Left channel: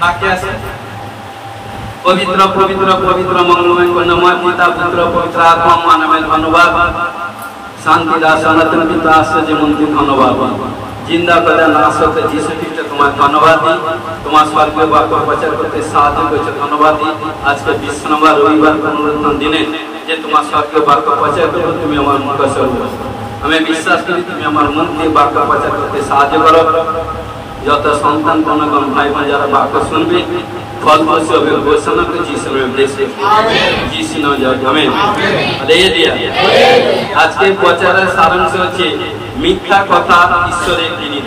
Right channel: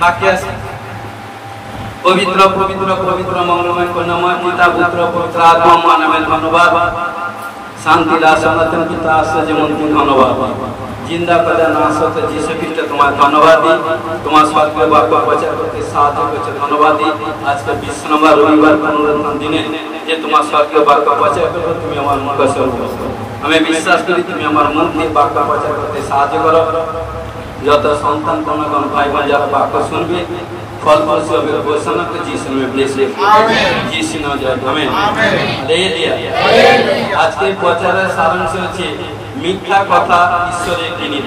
বাক্যে আছে পবিত্র পবিত্র পবিত্র মঙ্গলময় কন্যাময় পিতা পুত্র পবিত্র আত্মা মানবের ধন্যবাদ শান্তি দাস সনাতন পিতা আশ্চর্য মন্ত্রী ধন্যবাদ জিন্দা করে নাশক যিশু খ্রিস্ট তোমার ধন্যবাদ দিই তোমার স্বর্গীয় বাক্য প্রচার করতে সাহায্য করেছে ধন্যবাদ দিই আজকে 20 নম্বর রবিবার পুনরুত্থান দিনে যে তোমার স্বর্গীয় বাক্য প্রচার করবে তুমি আমার মুখ সর্বস্ব আমি বিশ্বাস করি তুমি আমার মন দিয়ে বাক্য প্রচার করতে সাহায্য করো যত সন্তান কোন ভাই বোন যারা বাক্য শুনবে ফল ফসল হবে ঘোষণা করে যিশু নামে ব্লেস যিশু নামে জয় আমেন হালেলুয়া আজকে প্রচারের সারাংশ হচ্ছে মিথ্যা কথা ঈশ্বরে ঘৃণিত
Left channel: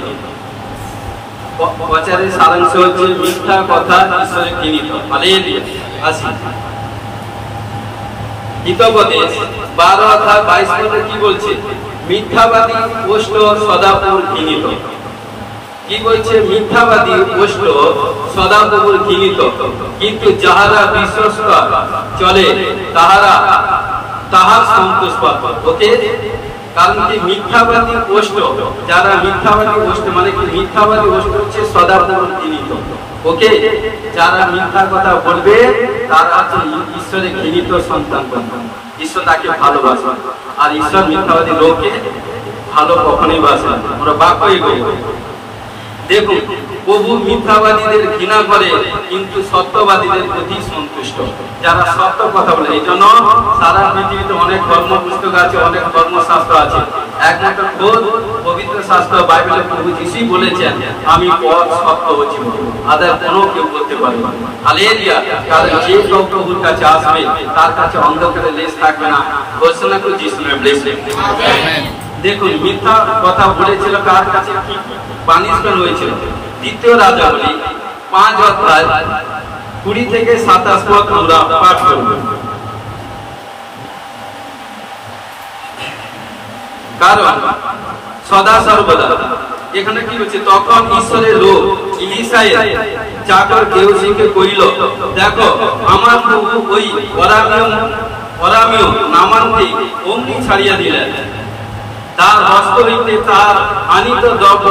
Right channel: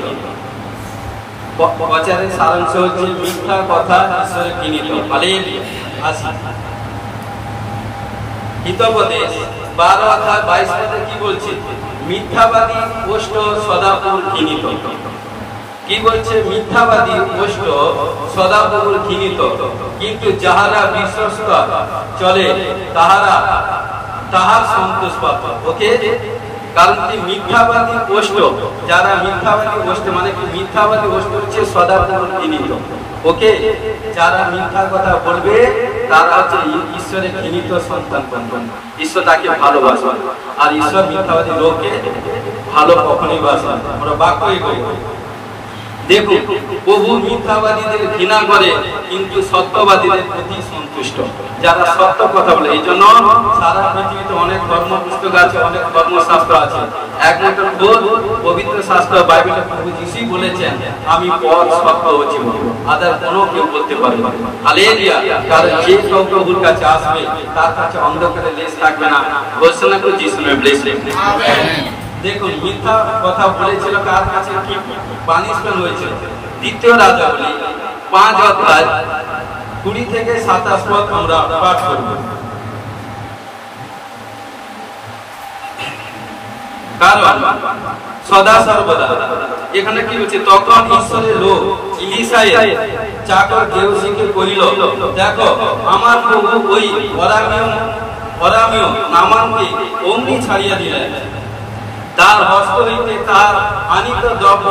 প্রচারের সারাংশ হচ্ছে মিথ্যা কথা ঈশ্বরে ঘৃণিত হালেলুয়া আসি হিতোপদেশ 12 অধ্যায় 22 পদে কি বলছে মিথ্যাবাদী ওষ্ঠ সদাপুর ঘৃণিত কি বলছে মিথ্যাবাদী ওষ্ঠ সদাপুর ঘৃণিত কিন্তু যাহারা বিশ্বস্ত চলে তাহারা তাহার সন্তোষ পাবে ওকে কারণ কি মিথ্যাবাদী ওষ্ঠ যারা মিথ্যাবাদী ওষ্ঠ মানে কি মিথ্যাবাদী ওষ্ঠ হচ্ছে সদাপুর ঘৃণিত ওকে যারা মিথ্যা কথা বলবে তারা হচ্ছে ঈশ্বরে ঘৃণিত সন্তান ঈশ্বর তাকে ভালোবাসে আর ঈশ্বর মিথ্যাবাদী লোককে ভালো কখনোই বাসে আমরা বাক্য এগোই দেখুন প্রভু মিথ্যাবাদীদের ঘৃণা করে কিন্তু সত্যবাদীদের প্রতি সন্তুষ্ট যারা সত্য কথা বলে এই জন্য সারা পৃথিবীতে অনেক ধর্ম পুস্তক আছে অনেক ধর্মশাস্ত্র আছে একমাত্র পবিত্র শাস্ত্র বাইবেলে প্রভু যিশুই বলেছেন আমি পথ সত্য হচ্ছি আদার কোনো কেউ বলতে পারে না হালেলুয়া কারণ যে কেউ প্রভুর কাছে আসবে তার কাছে অন্ধকারে লেশ থাকবে না ঘোষণা করে যিশু নামে ব্লেস আমেন দেখুন মিথ্যা কথা বলেছিল কার কাছে কি পানিশমেন্ট হয়েছিল দ্বিতীয় রাজাবলী 5 অধ্যায় 20 থেকে 27 পদ আমরা পাঠ করব কারণ সদা সর্বদা এখানে কি হচ্ছে তখন ঈশ্বরের লোক ইলিশায়ের চাকর গেহজিকে কইল দেখো আমার প্রভু ওই অরামীয় নামানকে অমনি ছাড়িয়া দিলেন তার হস্ত হইতে তার আনিত দ্রব্য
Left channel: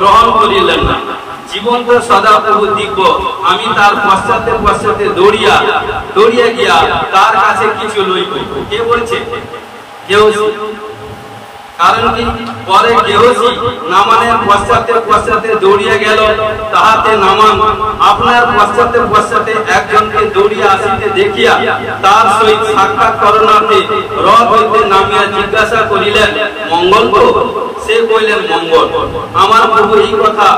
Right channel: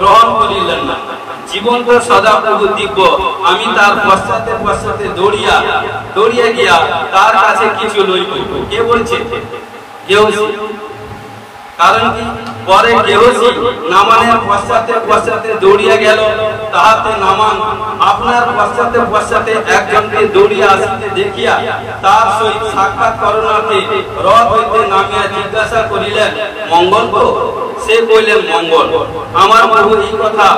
গ্রহণ করিলেন না জীবন সদা প্রভু দিব্য আমি তার পশ্চাতে পশ্চাতে দৌড়িয়া গিয়া তার কাছে কিছু লইব কে বলছে গেহজি কারণ কি পরে গেহজি নামানের পশ্চাতে পশ্চাতে দৌড়িয়া গেল তাহাতে নামান আপনার পশ্চাতে পশ্চাতে একজনকে দৌড়িয়া আসিতে দেখিয়া তার সহিত সাক্ষাৎ করণার্থে রথ হইতে নামিয়া জিজ্ঞাসা করিলেন মঙ্গল তো সে কইলেন মঙ্গল আমার প্রভু এই কথা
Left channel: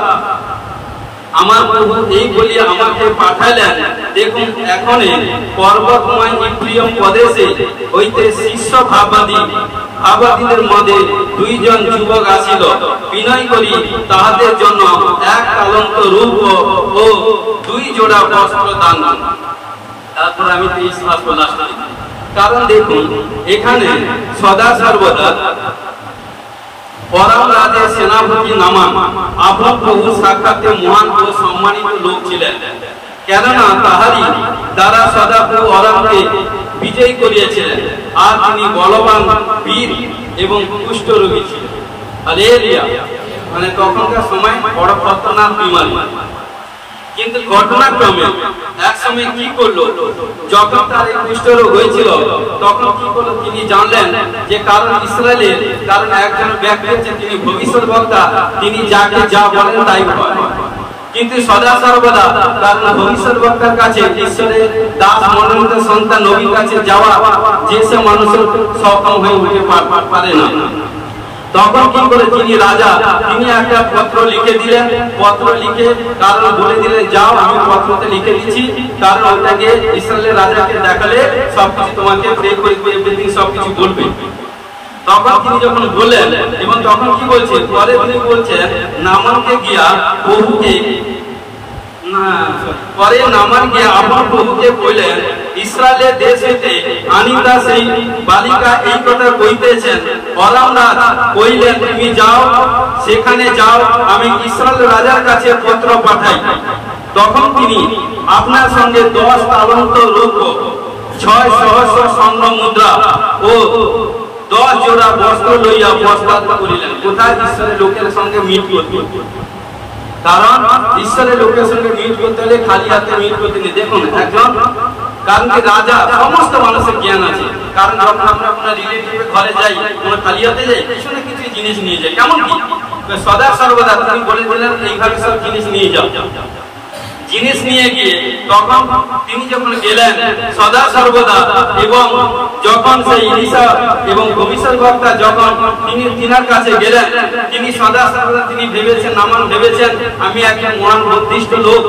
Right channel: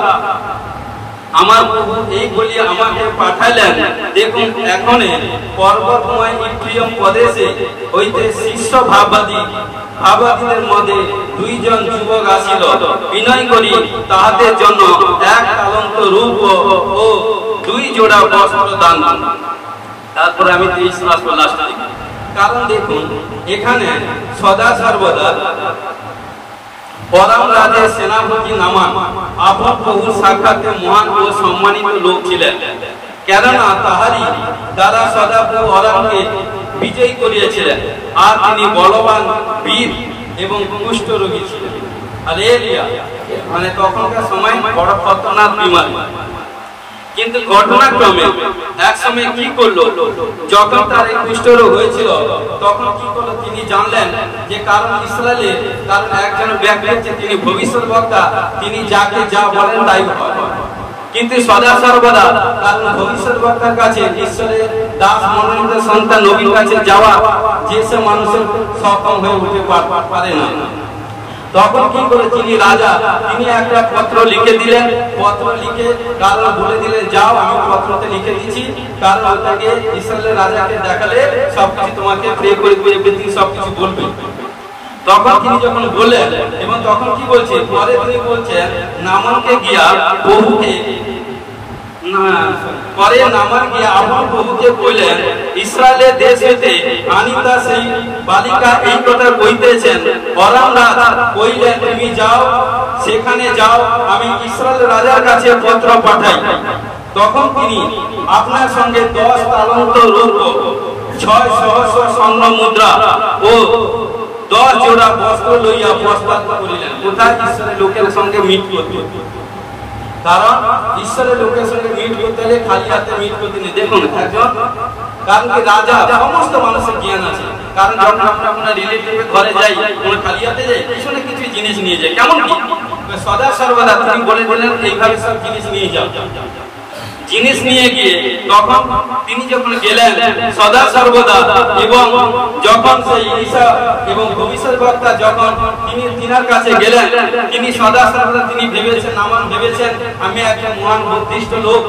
আমার প্রভু এই বলিয়া আমাকে পাঠাইলেন দেখুন এখন পর্বতময় ইফ্রিয়ম প্রদেশে হইতে শীর্ষ ভাববাদীদের মধ্যে 2 জন যুবক আসিল বিনয় করি তাহাদের জন্য এক তালন্ত রূপ ও 2 জোড়া বস্ত্র দান তারপর আমি 23 মাস লাস্ট কারণ দেখুন এখানে সদা সর্বদা পরাম রাজের সেনাপতি নামান আপনার প্রভু সাক্ষাতে মহান ও সম্মানিত লোক ছিলেন কেননা তাহারই দ্বারা সদা প্রভু অরামকে বিজয় করিয়াছিলেন আর তিনি বলবান বীর এবং কুষ্ঠ রোগী ছিলেন হালেলুয়া মানে তখনকার সময় বড় খতরনাক বিমারি কিন্তু ঘটনাক্রমে এক সময় কি করলো যখন তার এই কুষ্ঠরোগ হয়েছিল তখন কি করলো তিনি জানলেন যে কারণ ইসরায়েলের কারণ একজন ব্যক্তি হচ্ছে তিনি ভবিষ্যৎবক্তা তিনি যাকে যা বলেন তাই হয় কিন্তু সদা সর্বদা কারণ ভবিষ্যৎবক্তার কাছে ঈশ্বরের দাস মনোনীত সন্তান নবীর কাছে যাওয়া যেসব মানুষের সক্ষম হয়ে উঠতে পারে না তখন কি করে যিনি রাজা তিনি একটা পত্র লিখে দিলেন পত্র লিখে কারণ বলে দিলেন যাও আমি পত্রতে লিখে দিচ্ছি কারণ ওটাকে ইসরায়েলের রাজাকে দেখালে সবকিছু তোমাকে প্রে করে সবকিছু বলবে তখন তিনি যখন বললেন এবং তখন কি বলছে পরে তিনি বলছেন নামানকে গিয়া প্রভুকে পরে নামান গিয়া আমার প্রভুকে কইলেন ইসরায়েলের দেশ হইতে আনিতা সেই বালিকা এই কথা কইতেছেন পরামনাথ কইলেন তুমি যাও সেখানে যাও আমি ইসরায়েল রাজার কাছে পত্র পাঠাই তখন তিনি আপনার সঙ্গে 10 তালন্ত রূপ 6 সহস্র স্বর্ণ মুদ্রা ও 10 জোড়া বস্ত্র লইয়া প্রস্তাব করিলেন কোথায় ঈশ্বরের লোকের সঙ্গে মিট করতে কারণ ঈশ্বরের লোকের সঙ্গে মিট করতে হলে খালি হাতে মিট করতে নেই। দেখুন একজন, কারণ কি রাজা সমস্ত মানুষের জ্ঞান আছে, কারণ যখন আমরা কোনো রিলেটিভের ঘরে যাই, কোনো খালি হাতে যাই, কিছু না কিছু জিনিস নিয়ে যাই। কেমন কি সদা সর্বদা তিনি বলে দিলেন এইভাবে সব জিনিস নিয়ে যাও। জিনিস নিয়ে গিয়ে তখন তিনি যখন গেলেন সদা সর্বদা, এবং যখন সেই ইলিশা এবং ভবিষ্যৎবক্তা যখন তিনি তিনার কাছে গেলেন, তিনি সদা সর্বদা তিনি ভেবেছেন, নামান ভেবেছেন আমি একজন মহান বুদ্ধিষ্ট লোক,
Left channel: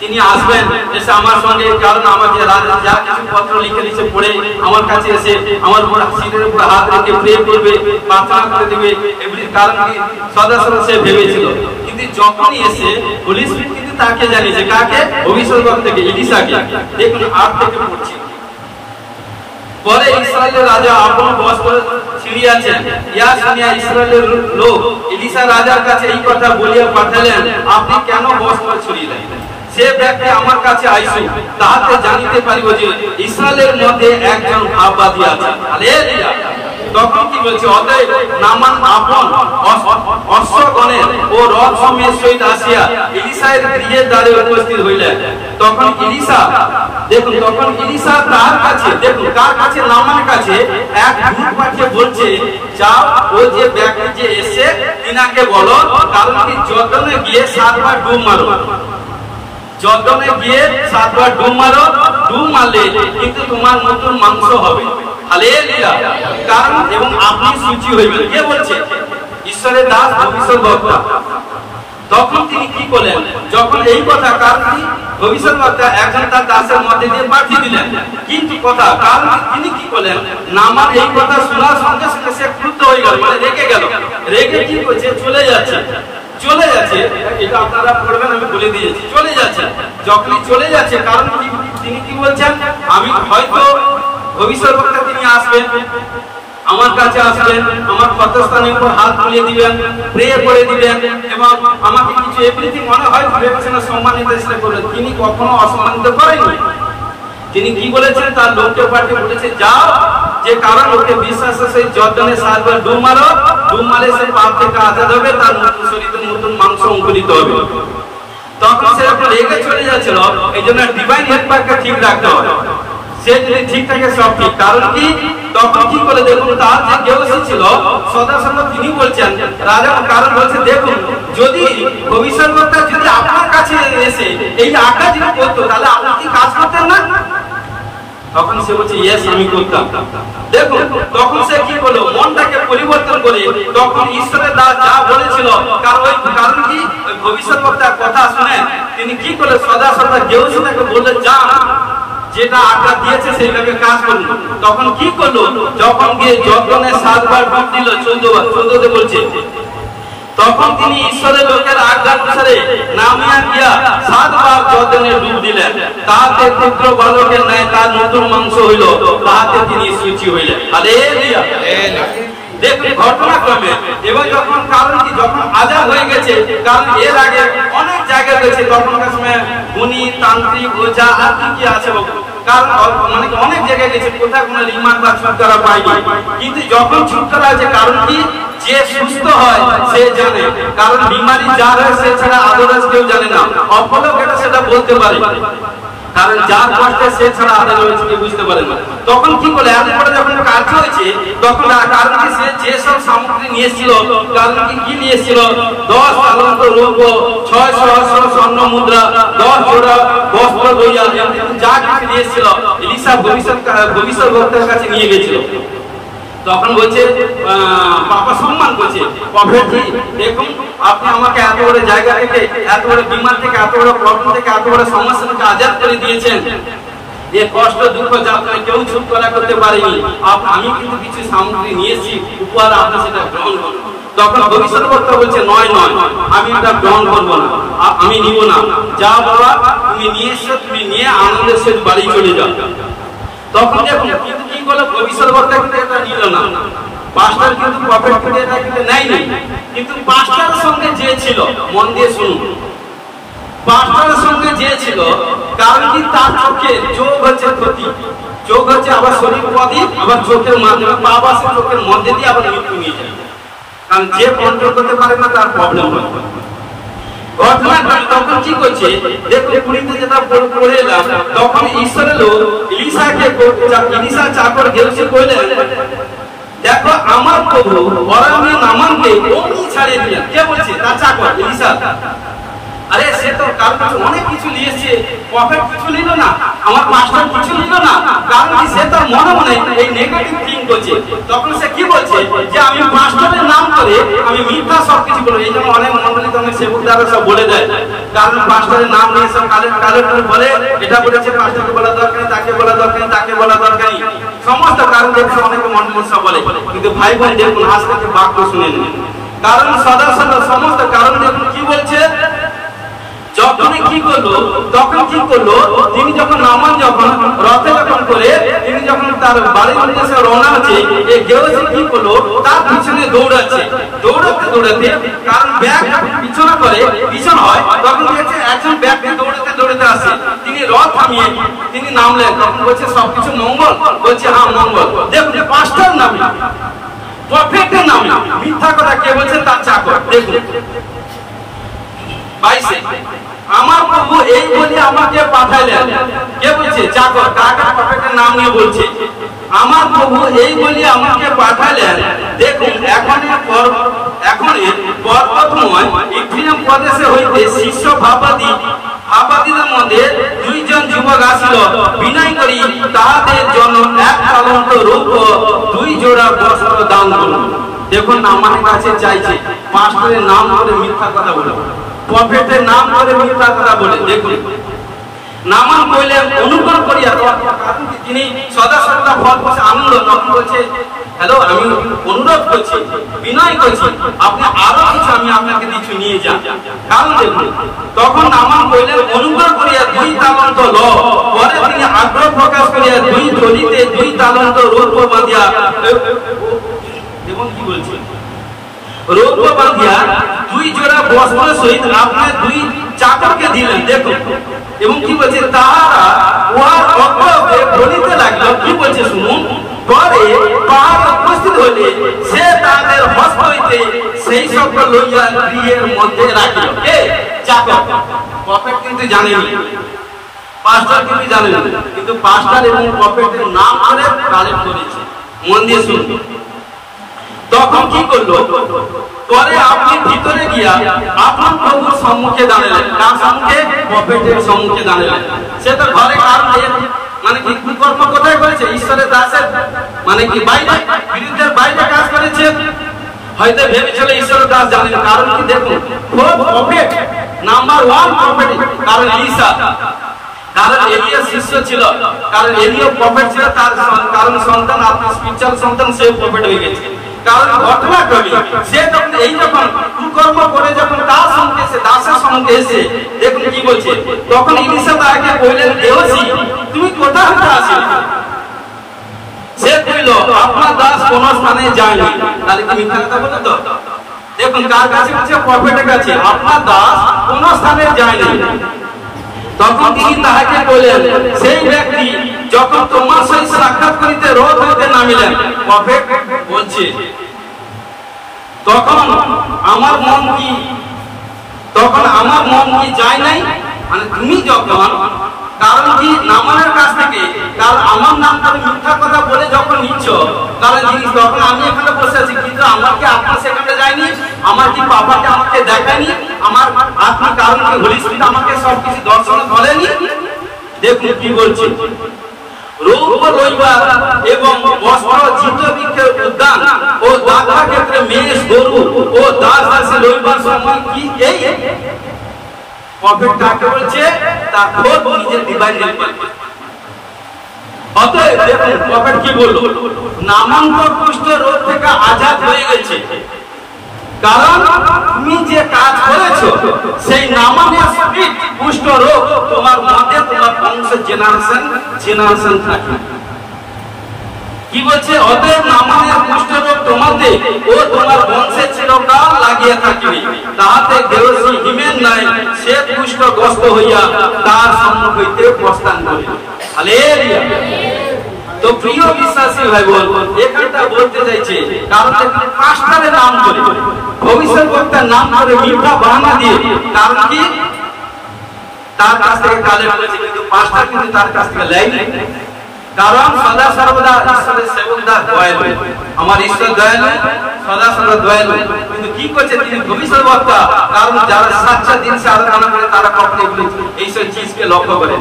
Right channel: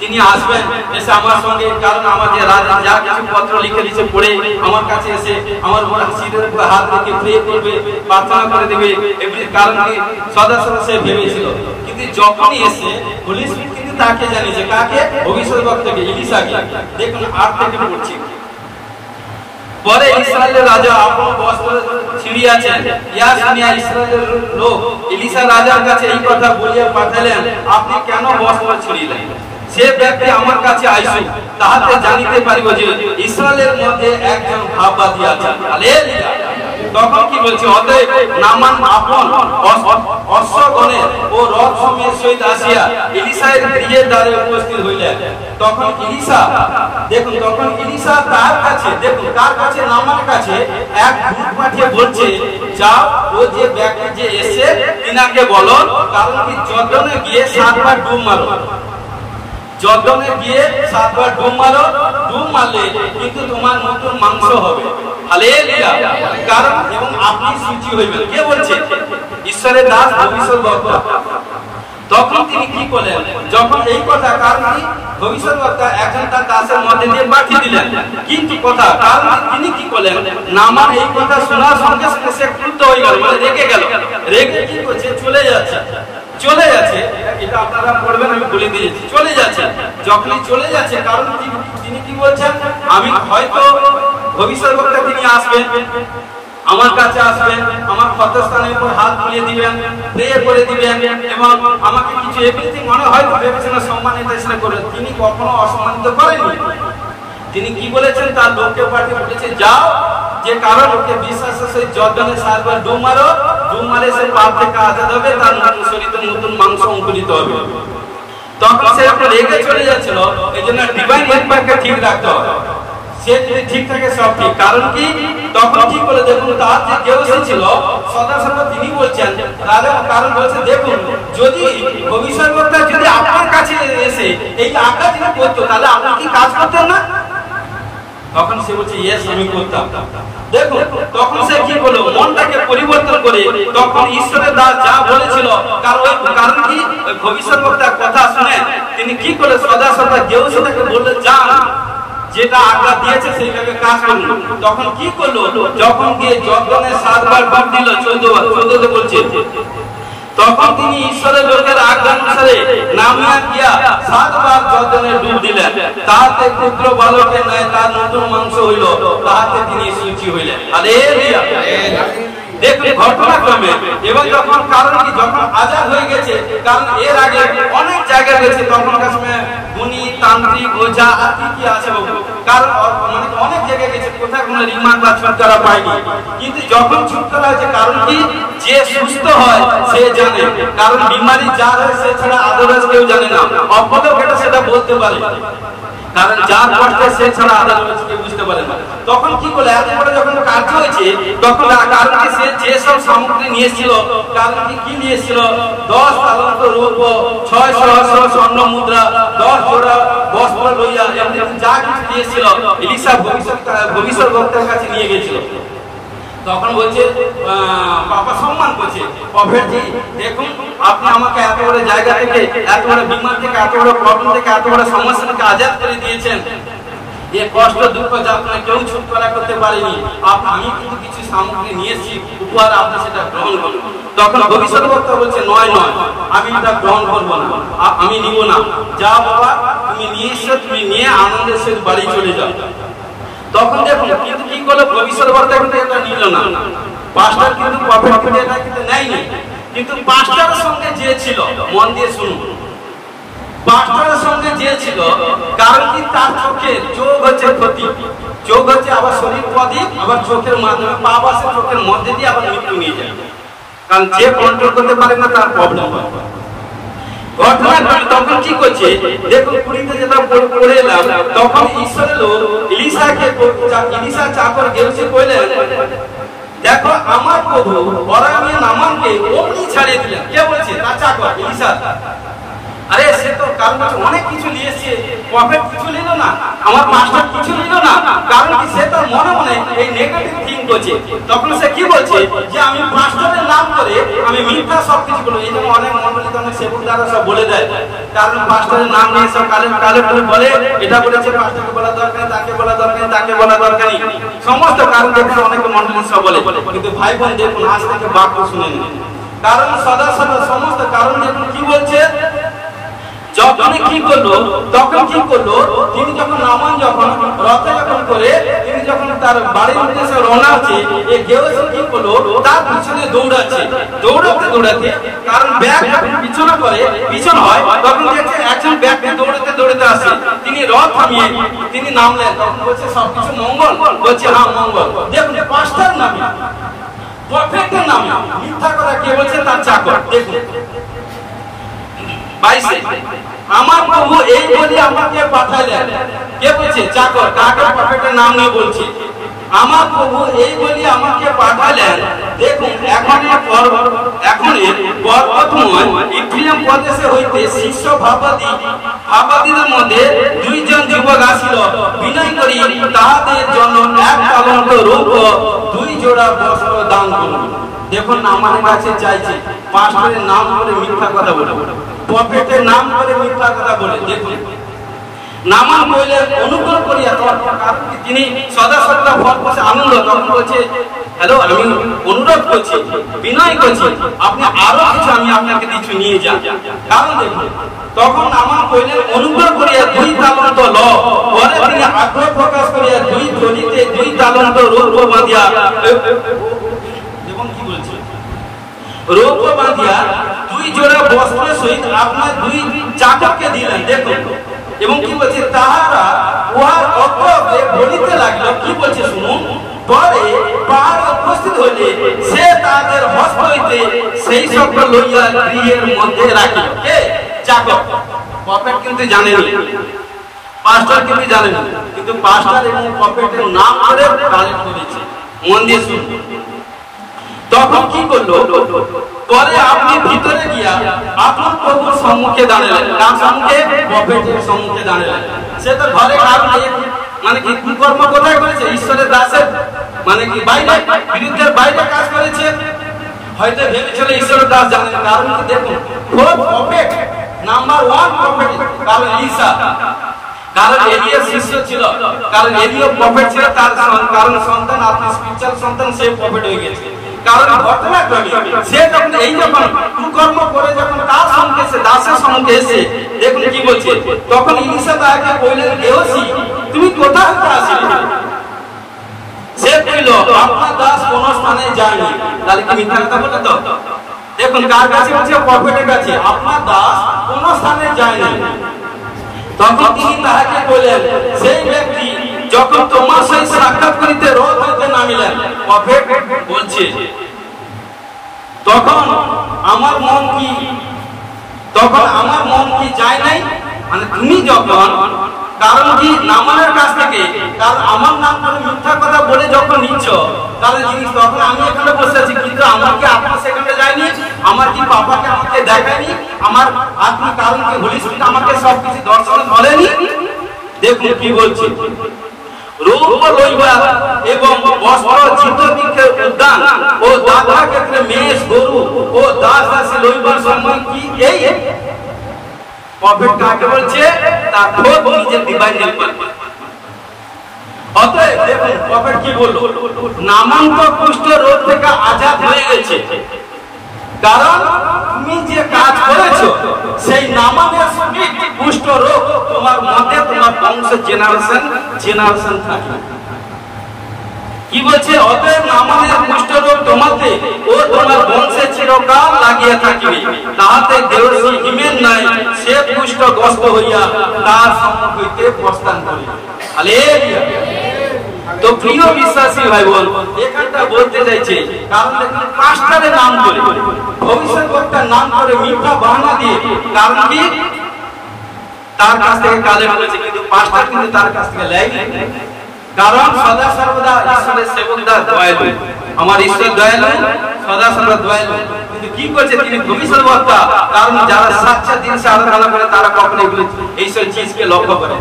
তিনি আসবেন এসে আমার সঙ্গে, কারণ আমাদের রাজা যা কিছু পত্র লিখে দিচ্ছে পড়ে আমার কাছে এসে আমার উপর শিরের উপর হাত রেখে প্রে করবে, প্রার্থনা করে দেবে, কারণ কি সদা সর্বদা সে ভেবেছিল। কিন্তু যখনই এসে হোলি স্পিরিট কিন্তু তাকে জানিয়েছে, কাকে? ভবিষ্যৎবক্তাকে, ইলিশাকে। দেখুন 8 থেকে পড়ছি। পরে ইসরায়েলের রাজা আপন বস্ত্র ছিঁড়িয়াছেন, ইহা শুনিয়া ইসরায়েলের লোক ইলিশা রাজার কাছে এই কথা বলিয়া পাঠালেন, আপনি কেন বস্ত্র ছিঁড়িলেন? সে ব্যক্তি আমার কাছে আইসুক, তাহাতে জানিতে পারিব যে ইসরায়েলের মধ্যে একজন ভাববাদী আছে। হালেলুয়া। তখন কি বলছে? অতএব নামান আপন অশ্বগণের ও রথ সময়ের সহিত আসিয়া ইলিশার গৃহের দ্বারে উপস্থিত হইলেন। তখন ইলিশা, দেখুন তখন ইলিশা তার কাছে, দেখুন কার কাছে? নামানের কাছে এক দূত পাঠিয়ে বলছে, যাও ও যে ব্যক্তি যে এসে তিনাকে বলো, কারণ কি জর্দনে গিয়ে 7 বার ডুব মারো, জর্দনে গিয়ে 7 বার ডুব মারো, ডুব মারলে কিন্তু তোমার নতুন মাংস হবে। হালেলুয়া। কারণ এবং আপনি সূচি হইবেন। কে বলছে? ঈশ্বরের দাস ভবিষ্যৎবক্তা। তখন তিনি কি করলেন? যখন এই কথা, কারণ কি ভবিষ্যৎবক্তা একজন তার দাসের মধ্যে দিয়ে পাঠিয়ে দিলেন, কিন্তু কথা, কারণ তিনি কি করলেন? নামান এই কথা শোনার সঙ্গে সঙ্গে সে ক্রুদ্ধ হয়ে গেল, মানে রেগে গেল। রেগে কি করছে? চলে যাচ্ছে। চলে যাচ্ছে, এটা আপনারা পড়বেন, আমি বলে দিয়েছি। চলে যাচ্ছে। যখনই চলে যাচ্ছে, কারণ তিনি কি বলছেন? আমি হয়তো ভবিষ্যৎবক্তা তিনি আসবেন, আমার কাছে আসবেন, আমার ক্ষতস্থানের উপর হাত বুলিয়ে দিবেন, প্রে করে দিবেন, এবং আমাকে কিছু এভরিথিং মনে হয় ভেবেছেন সম্মানিত করলেন। তিনি কখনো অসম্মানিত করেননি। তিনি কি বলেছেন? তার লোককে পাঠিয়ে বলেছে, যাও যে কারো লোকে বিশ্বাস সেই জর্দনে 7 বার ডুব মারো, ডুব মারলে সে পাপ থেকে আজাদ হবে, তার নতুন শরীরে নতুন মাংস অঙ্কুরিত হবে। তখন সে আপনার রেগে চলে যাচ্ছিল, এই জন্য ডিভাইন হেল্পারকে ঠিক রাখতে হবে। সে যদি ঠিক থাকে সব ঠিক। কারণ কি তখন কি করে? দেখুন তার যে কেউ ছিল সদা সর্বদা তিনি বলছেন রাজা, কারণ বলছে দেখুন যদি ভবিষ্যৎবক্তা যদি আপনার কাছে এসে এই আঁকা যদি করতো, তাহলে আপনি কি কাজ করতেন না? তখন সে বলছে ইয়েস আমি করতাম। দেখুন তখন সে কি করলো? মনটাকে পরিবর্তন করে তখন ঈশ্বরের দাস যা বলেছিল, কারণ কি ভবিষ্যৎবক্তার কথা শুনে তিনি কি করলো? সদা সর্বদা গেউসি তাকে বললেন, যান যেটা আজ্ঞা দিয়েছে সেইভাবে কাজ করুন। তখন কি করলো? যখন গিয়ে জর্দনে 7 বার ডুব দিল, 14 বলছে, তখন তিনি ঈশ্বরের লোকের আজ্ঞা অনুসারে নামিয়া গিয়া 7 বার জর্দনে ডুব দিলেন। তাহাতে ক্ষুদ্র বালকের ন্যায় তার নতুন মাংস হইল, তাহাতে তিনি সূচি হইলেন। হালেলুয়া। দেখুন ঘটনাক্রমে, এবং যখন কারণ কি যখন আজাদ হয়ে গেছে, কারণ এর আগে অনেক জায়গায় রয়েছে তখনকার সময় গুণী, তান্ত্রিক, ওঝা আর কি আছে বাবু, কারণ মানে অনেক জায়গায় গেছে, কোথাও কোনো রিমান্ডার ছুটকারা পায়নি। কিন্তু যখন ছুটকারা আছে, কারণ কি যে সুস্থ হয় সে জানে, কারণ বিমারি যার হয় সে ছাড়া আদালত কেউ জানে না। অপলোক এটা সেটা বলতে পারে, কারণ যার কষ্টে সে ছাড়া আদালত কেউ বুঝতে পারে না। তখন কি করে এত বড় যখন কাজ হয়েছে, তখন কারণ কি সে যেসব সামগ্রী নিয়ে এসেছিল, কারণ কি নিয়ে এসেছিল? 10 অলঙ্ক রৌপ্য, 6 সহস্র স্বর্ণ মুদ্রা, 10 জোড়া বস্ত্র লইয়া যা কিছু নিয়ে এসেছিল ইলিশা ভবিষ্যৎবক্তার কাছে নিয়ে গেছিল। তখন বলছে বাবা সম্মান করছে, প্রফেটজি দেখুন আপনি আমাকে এত বড় জায়গা থেকে, এত বড় বিমান থেকে, এত বড় প্রবলেম থেকে, এত বড় সমস্যা থেকে আজাদ করে দিয়েছেন, যে কষ্ট দুঃখ যাত্রা কেউ ছুটকরা করতে পারেনি। আমি কিন্তু কিছু সামগ্রী নিয়েছি উপহার, আপনি সেটা গ্রহণ করুন। তখন ভবিষ্যৎবক্তা বলছে নয় নয়, আমি এটা গ্রহণ করবো না, আমি নিব না। যা বাবা তুমি নিয়ে এসো, তুমি নিয়ে আনন্দের সাথে বাড়ি চলে যাও। তখন দেখুন কিন্তু কি করলো? ভবিষ্যৎবক্তা কিন্তু এটা নিল না, পাঁচটার কিন্তু প্রফেট এটা কিন্তু নেয়নি। কিন্তু পাঁচটার সঙ্গে যে ছিল, মন দিয়ে শুনুন, পাঁচটার সঙ্গে যে ছিল, কারণ কি তার চোখে চোখ হচ্ছে ক্ষতি, চোখ হচ্ছে আবার শরীর প্রদীপ, আবার চোখের মাধ্যমে পাপ আসে, চোখের মধ্যে দিয়ে আবার মৃত্যু নিয়ে যায়। কারণ যে কন্ট্রোল করতে পারে না তার প্রবলেম হয়। ঘটনা তখন কি করছে দেখো, পুরীতে যেটা পড়ে এলাম, তখন ঈশ্বরের লোক ইলিশা চাকর গেছে কইলেন, দেখো আমার প্রভু বরামিয়া নামানকে অমনি ছাড়িয়ে দিলেন। কে বলছে? তার চাকর ইলিশা। আরে সে তো কারণ অনেক কিছু নিয়েছে, প্রফেট কিছু নিল না, আমার মাস্টার কিছু নিল না, কারণ কি সে তার মনে মনে এই নেগেটিভ থিঙ্ক করছে। তখন সে কি বলছে যে আমি মাস্টারের নাম করে আমি মিথ্যা সবকিছু বলবো। এই জন্য অনেক মন্ডলী অনেক সেবকদারা সব বলে দেয়, কারণ মাস্টারের নাম নিয়ে সব কালে বলে এটা করেছে, মাস্টারকে বলা দরকার, তাকে বলা দরকার, তাকে বলা দরকার, সমস্ত কারণ দেখে অনেকে মন্ডলী সব বলে। কিন্তু ভাই বোন দেখুন, আজ থেকে বাক্য শুনে নিন, কারণ সদা সমস্ত কারণ দেখুন কি বলছে। যখন কি করলো, তখন কি করলো, তিনি যখন নামান যখন রথে যখন করে তিনি যখন তার বাড়ির উদ্দেশ্যে রওনা হচ্ছে, এই গেওসি কি করলো, তার পিছনে দৌড়াচ্ছে, দৌড়াতে কারণ ব্যাগ পিছনে করে পিছন হয়, তখন দেখছে একজন ব্যক্তি দৌড়াতে আসে। তিনি রথ থামিয়ে তিনি নামলেন, তখন বলছে সবকিছু মঙ্গল? বলছে হ্যাঁ মঙ্গল। দেখুন পাঁচটার নামে, প্রফেটের নামে মিথ্যা কথা কে বলছে? তার চাকর। দেখুন 22 আমার প্রভু এই বলি আমাকে পাঠালেন। কে বলছে? চাকর। কাকে? প্রফেটের নাম নিয়ে বলছে, আমার প্রভু এই বলি আমাকে পাঠালেন। দেখুন এখন পর্বতময় ইফ্রাইম প্রদেশে হইতে শীর্ষ ভাবাদীদের মধ্যে 2 জন যুবক আসিল, বিনয় করি তাহাদের জন্য 1 তালন্ত রূপ 2 জোড়া বস্ত্র দান করল। দেখুন আমার কাছে চাইছে, পাস্টরের নাম করে মিথ্যা কথা বলে, প্রফেটের নাম করে মিথ্যা কথা বলে। দেখুন নামান কইলে অনুগ্রহ করিয়া, কারণ তিনি সদা সর্বদা ফল পাশে আনন্দ, তখন বলছে হ্যালো আমি অনুরোধ করছি, বিনয় করছি, আপনি আরো কিছু আমি আপনাকে কিছু নিয়ে যান। কারণ দেখুন তখন নামান কইলেন অনুগ্রহ করিয়া 2 তালন্ত ল। পরে তিনি আগ্রহ প্রকাশ করিয়া 2 ধরিতে 2 তালন্ত রৌপ্য বাঁধিয়া, দেখুন কি বলছে, রৌপ্য বাঁধিয়া 2 জোড়া বস্ত্র সহিত আপনার 2 চাকরকে দিলেন। দেখুন এবং কি বলছে, তাহারা উহার অগ্রবে বলিতে লাগলো। কি বলছে শুনুন, পরে পাহাড় উপস্থিত হইলে সে তাদের হস্ত হইতে সেই সব লইয়া গৃহের মধ্যে রাখিল। কে? চাকর। প্রফেট কিন্তু জানেন, পাস্টার কিন্তু জানেন, কিন্তু পাস্টার এবং প্রফেটের নাম করে কালেক্ট করেছে। মন দিয়ে শুনুন। তখন কি করলো, পরে আপনি ভিতরে গিয়া আপনার প্রভুর সম্মুখে দাঁড়ালেন। কার সম্মুখে? প্রফেটের সম্মুখে দাঁড়ালেন। সে তো ঘরে কারণ মানে কি কর্ম কোথায় করেছে? ঈশ্বরের দাসের মানে কি বাইরে, বিরুদ্ধের বাইরে কাজ করেছে। হয়তো ভেবেছিল ঈশ্বরের দাস জানেন, কারণ কি দেখুন প্রফেট নাম্বার 1 প্রফেট, কারণ ঈসা, কারণ এলিয়া শিষ্য ছিল, কারণ এলিয়া প্রফেট ছিল, তার কারণ সন্তান আপনি স্পিরিচুয়াল সন্তান, সে প্রফেট হয়ে গেছে। কারণ ঘটনাক্রমে সে যখন এই যখন কুকর্ম করে যখন তার সঙ্গে এসে দাসের সঙ্গে এসে দেখুন কি বলছে, তখন ইলিশা তাকে বললেন, গেওসি তুমি কোথা হতে আসিলে? সে কইল আপনার দাস কোন স্থানে যায়নি। তাহলে কি মিথ্যা কথা বলে? তো দেখুন কার কাছে বলছে? প্রফেটের কাছে। আপনার দাস কোন স্থানে যায়নি। তখন তিনি তাহাকে বললেন, সেই ব্যক্তি যখন তোমার সহিত সাক্ষাৎ করিতে রথ হইতে নামিলেন। প্রফেট বলছে তখন আমার মন কি যায় নাই, মানে তুমি যখন, কারণ কি নামানের কাছ থেকে, কারণ আমার নাম করে মিথ্যা কথা বলে যখন নিচ্ছ, কারণ জিনিস তখন আমি এখানে বসে আছি, কিন্তু আমার কি আত্মা সেখানে যায়নি, আমার কি বাবাকে আমাকে দেখায়নি, আমার আত্মা কারণ কি হোলি স্পিরিট আমাকে সবকিছু দর্শন করেনি। দেখুন কি বলছে, রূপ লইবা এবং বস্ত্র জিতবৃক্ষের উদ্যান ও দাদা ক্ষেত্রে মেষ গরু ও দাস দাসী লইবার সময় কি এই প্রফেট কাকে বলছে? তার খোদ নিজের ডিভাইন হেল্পার। অতএব দেখুন প্রফেট কি বলল, নামান্ত কুষ্ঠ রোগ থেকে আজাদ হয়ে গেছে, কারণ তুমি যে কাজ করেছো সেই নামানের স্পিরিট কুষ্ঠ রোগ তোমার মধ্যে, তোমার বংশের জেনারেশন থাকে। কি বলছে? অতএব নামানের কুষ্ঠ রোগ তোমাদের ও তোমার বংশে চিরকাল লাগিয়ে থাকিবে, তাহাতে গেওসি হিমেন নাই সে কুষ্ঠগ্রস্ত হইয়া তার সম্মুখ হইতে প্রস্থান করে। হালেলুয়া। তো প্রিয় বিশ্বাসী ভাই বোন, এখানটা বলতে চাইছে, কারণ পাস্টারের নাম করে ভবিষ্যৎবক্তার নাম করে মিথ্যা বাহানা দিয়ে, কারণ কি তার কাছ থেকে কালেক্ট করেছে, কিন্তু পাঁচটা কিন্তু তার কাছ থেকে নেয়নি। কারণ সদা সর্বদা ঈশ্বরের সেবকদার দয়ালু, আমার ঈশ্বর দয়ালু, সদা সর্বদা দয়ালু, কিন্তু কি করছে তিনি ভবিষ্যৎবক্তা। কারণ যারা সাচ্চা দিন সে আরাধনা করে তারা কখনো এগুলি এইসব জিনিসকে লক্ষ্য করে।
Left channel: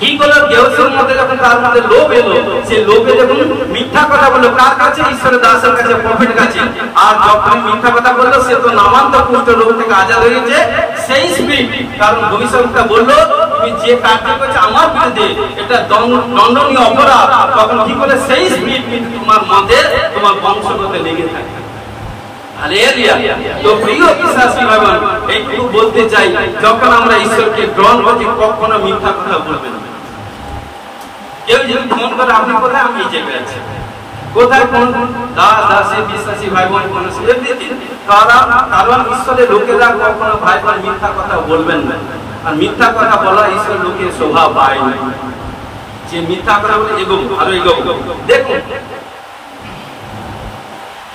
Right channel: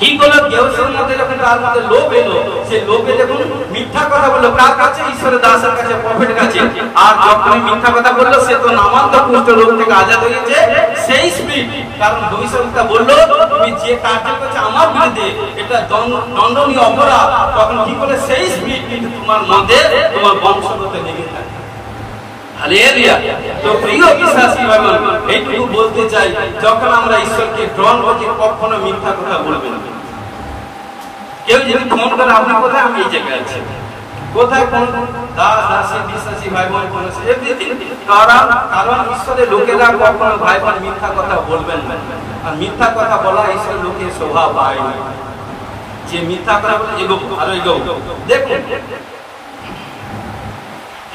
কি করলো দেওসের মধ্যে যখন তার মধ্যে লোভ এলো, সে লোভে যখন মিথ্যা কথা বললো কার কাছে, ঈশ্বরের দাসের কাছে, প্রফেট কাছে। আর যখন মিথ্যা কথা বললো সে তো নামান্ত কুষ্ঠ রোগ থেকে আজাদ হয়েছে সেই স্পিরিট। কারণ ভবিষ্যৎবক্তা বললো তুমি যে কার্য করছো আমার বিরুদ্ধে এটা দণ্ডনীয় অপরাধ। তখন কি করে সেই স্পিরিট কিন্তু তোমার মধ্যে তোমার বংশগত লেগে থাকে। হালেলুয়া। তো প্রিয় বিশ্বাসী ভাই, এইটুকু বলতে চাই, যখন আমরা ঈশ্বরকে গ্রহণ করছি কখনো মিথ্যা কথা বলবেন না। কেউ যদি ফোন করে আপনি কোথায়, আমি এই জায়গায় আছি, কোথায় কোন দাসী বিশ্বাসী ভাই বোন কোন এভরিথিং। কারণ ঈশ্বরের লোকেরা কখনো ভাই বোন মিথ্যা কথা বলবেন না। আর মিথ্যা কথা বলা ঈশ্বর লোকের শোভা পায় না। যে মিথ্যা কথা বলে এগোবো আরো এগোবো। দেখুন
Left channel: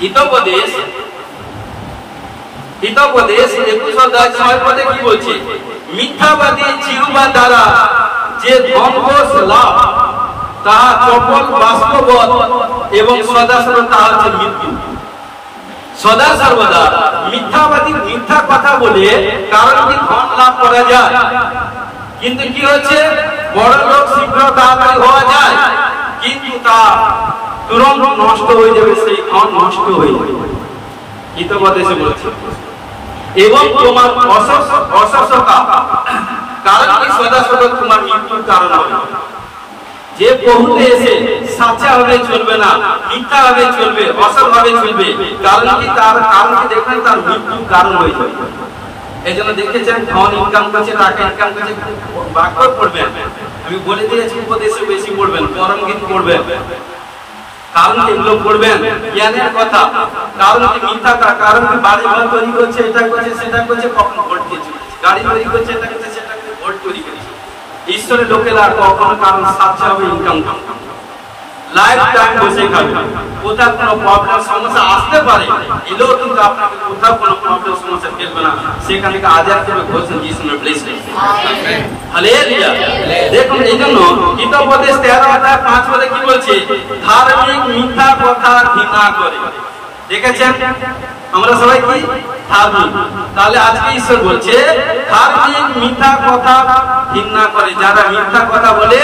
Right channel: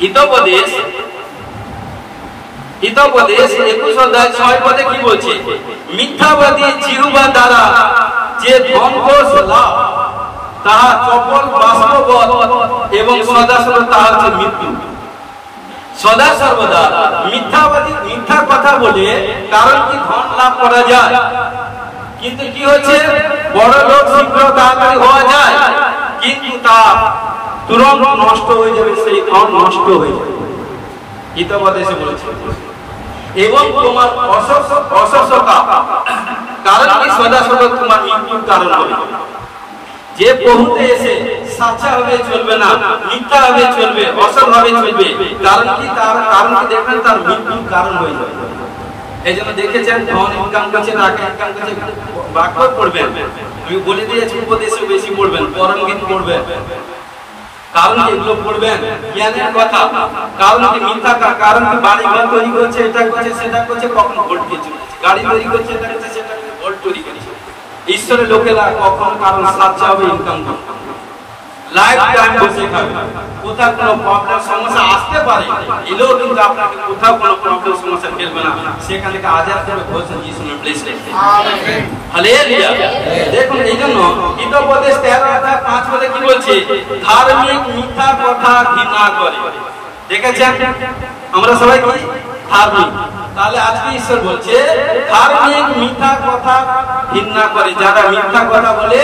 হিতোপদেশ 21 অধ্যায় 6 পদে কি বলছে, মিথ্যাবাদী জিহ্বা দ্বারা যে ধ্বংস লাভ তাহা চপল বাস্তবত এবং সদা সর্বদা তাহা হচ্ছে মৃত্যু। সদা সর্বদা মিথ্যাবাদী মিথ্যা কথা বলে কারণ কি ধন লাভ করা যায়, কিন্তু কি হচ্ছে বড় লোক শীঘ্র তাড়াতাড়ি হওয়া যায়, কিন্তু তা তুরন্ত নষ্ট হয়ে যাবে, সেই ধন নষ্ট হয়ে যাবে। হিতোপদেশে বলেছে এবং তোমার অসুস্থতা কারণ কি সদা সর্বদা তোমার মৃত্যুর কারণ হবে। যে বহুতে এসে সাচা হবে চলবে না, মিথ্যা হবে চলবে, অসৎ হবে চলবে, কারণ কি তার কারণ কি দেখবেন তার মৃত্যুর কারণ হয়ে যাবে। এই জন্য দেখেছেন ধন ইনকাম করছে, টাকা ইনকাম করছে, বাক্য পড়বেন, আমি বলে দিয়েছি উপদেশে বেশি পড়বেন, পরম গীত পড়বেন, কারণ এগুলো পড়বেন জ্ঞানের কথা। কারণ কি মিথ্যা, কারণ কি বাড়ি ঘর তৈরি করছে, এটা করছে সেটা করছে, কখন ভোট দিয়েছে, গাড়ি তৈরি করছে, এটা করছে সেটা করছে, ভোট তৈরি করছে। ঈশ্বরের লোকেরা কখন কারণ সাচ্চা হবে, ইনকাম করবে, লাইফ টাইম বসে খাবে, কোথাও কোনো প্রবলেম সমস্যা আসতে পারে, এলেও কিন্তু আপনাকে কোথাও কোনো প্রবলেম সমস্যা ফেলবে না, সেখান থেকে আজাদ করে ঘোষণা যিশুর ব্লেসড। Amen, hallelujah. দেখুন এই জন্য হিতোপদেশ 13 অধ্যায় 5 পদে কি বলছে, ধার্মিক মিথ্যা কথা ঘৃণা করে। দেখেছেন আমরা সবাই কি ধার্মিক, তাহলে আজকে ঈশ্বর বলছে ধার্মিক মিথ্যা কথা ঘৃণা করে। যারা মিথ্যা কথা বলে,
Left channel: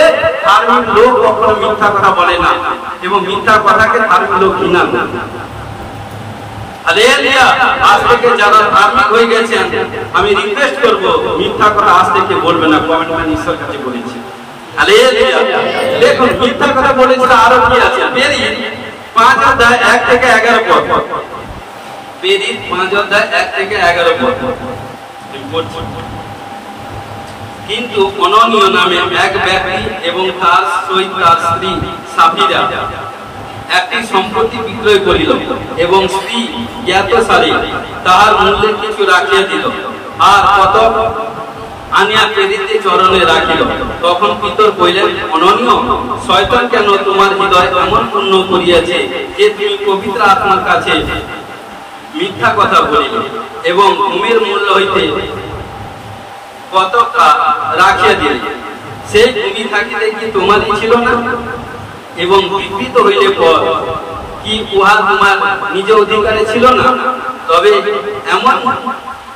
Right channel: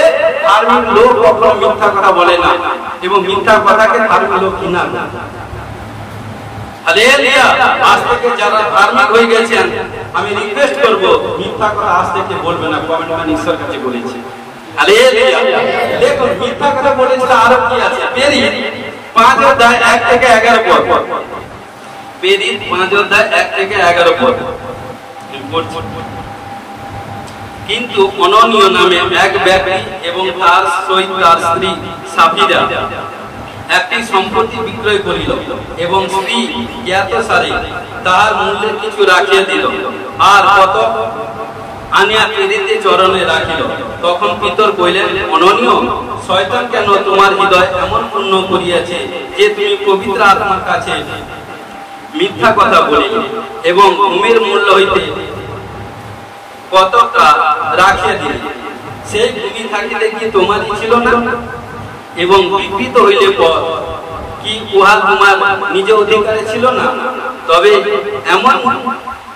ধার্মিক লোক কখনো মিথ্যা কথা বলে না, এবং মিথ্যা কথাকে ধার্মিক লোক ঘৃণা না। হালেলুয়া। আজ থেকে যারা ধার্মিক হয়ে গেছেন, আমি রিকোয়েস্ট করব মিথ্যা কথা আজ থেকে বলবেন না, কমেন্টম্যান ঈশ্বর কাছে বলেছে। হালেলুয়া। দেখুন মিথ্যা কথা বলেছে আরো কি আছে, পেরি 5 অধ্যায় 1 থেকে 11 পদ, পেরি 5 অধ্যায় 1 থেকে 11 পদ। কিন্তু অননীয় নামে এক ব্যক্তি এবং তার সহিত তার স্ত্রী সাফিরা একটি সম্পত্তি বিক্রয় করিল, এবং স্ত্রী জ্ঞাতসারে তাহার মূল্যে কিছু রাখিয়া দিল, আর কত আনিয়া পেরিতে চরণে রাখিল। তখন পিতর কইলেন, অননীয়, শয়তান কেন তোমার হৃদয় এমন পূর্ণ করিয়াছে যে তুমি পবিত্র আত্মার কাছে মিথ্যা কথা বলিলে, এবং ভূমির মূল্য হইতে কতটা রাখিয়া দিলে। সেই ভূমি থাকিতে কি তোমারই ছিল না? এবং বিকৃত হইলে পর কি উহা তোমার নিজ অধিকারে ছিল না? তবে এমন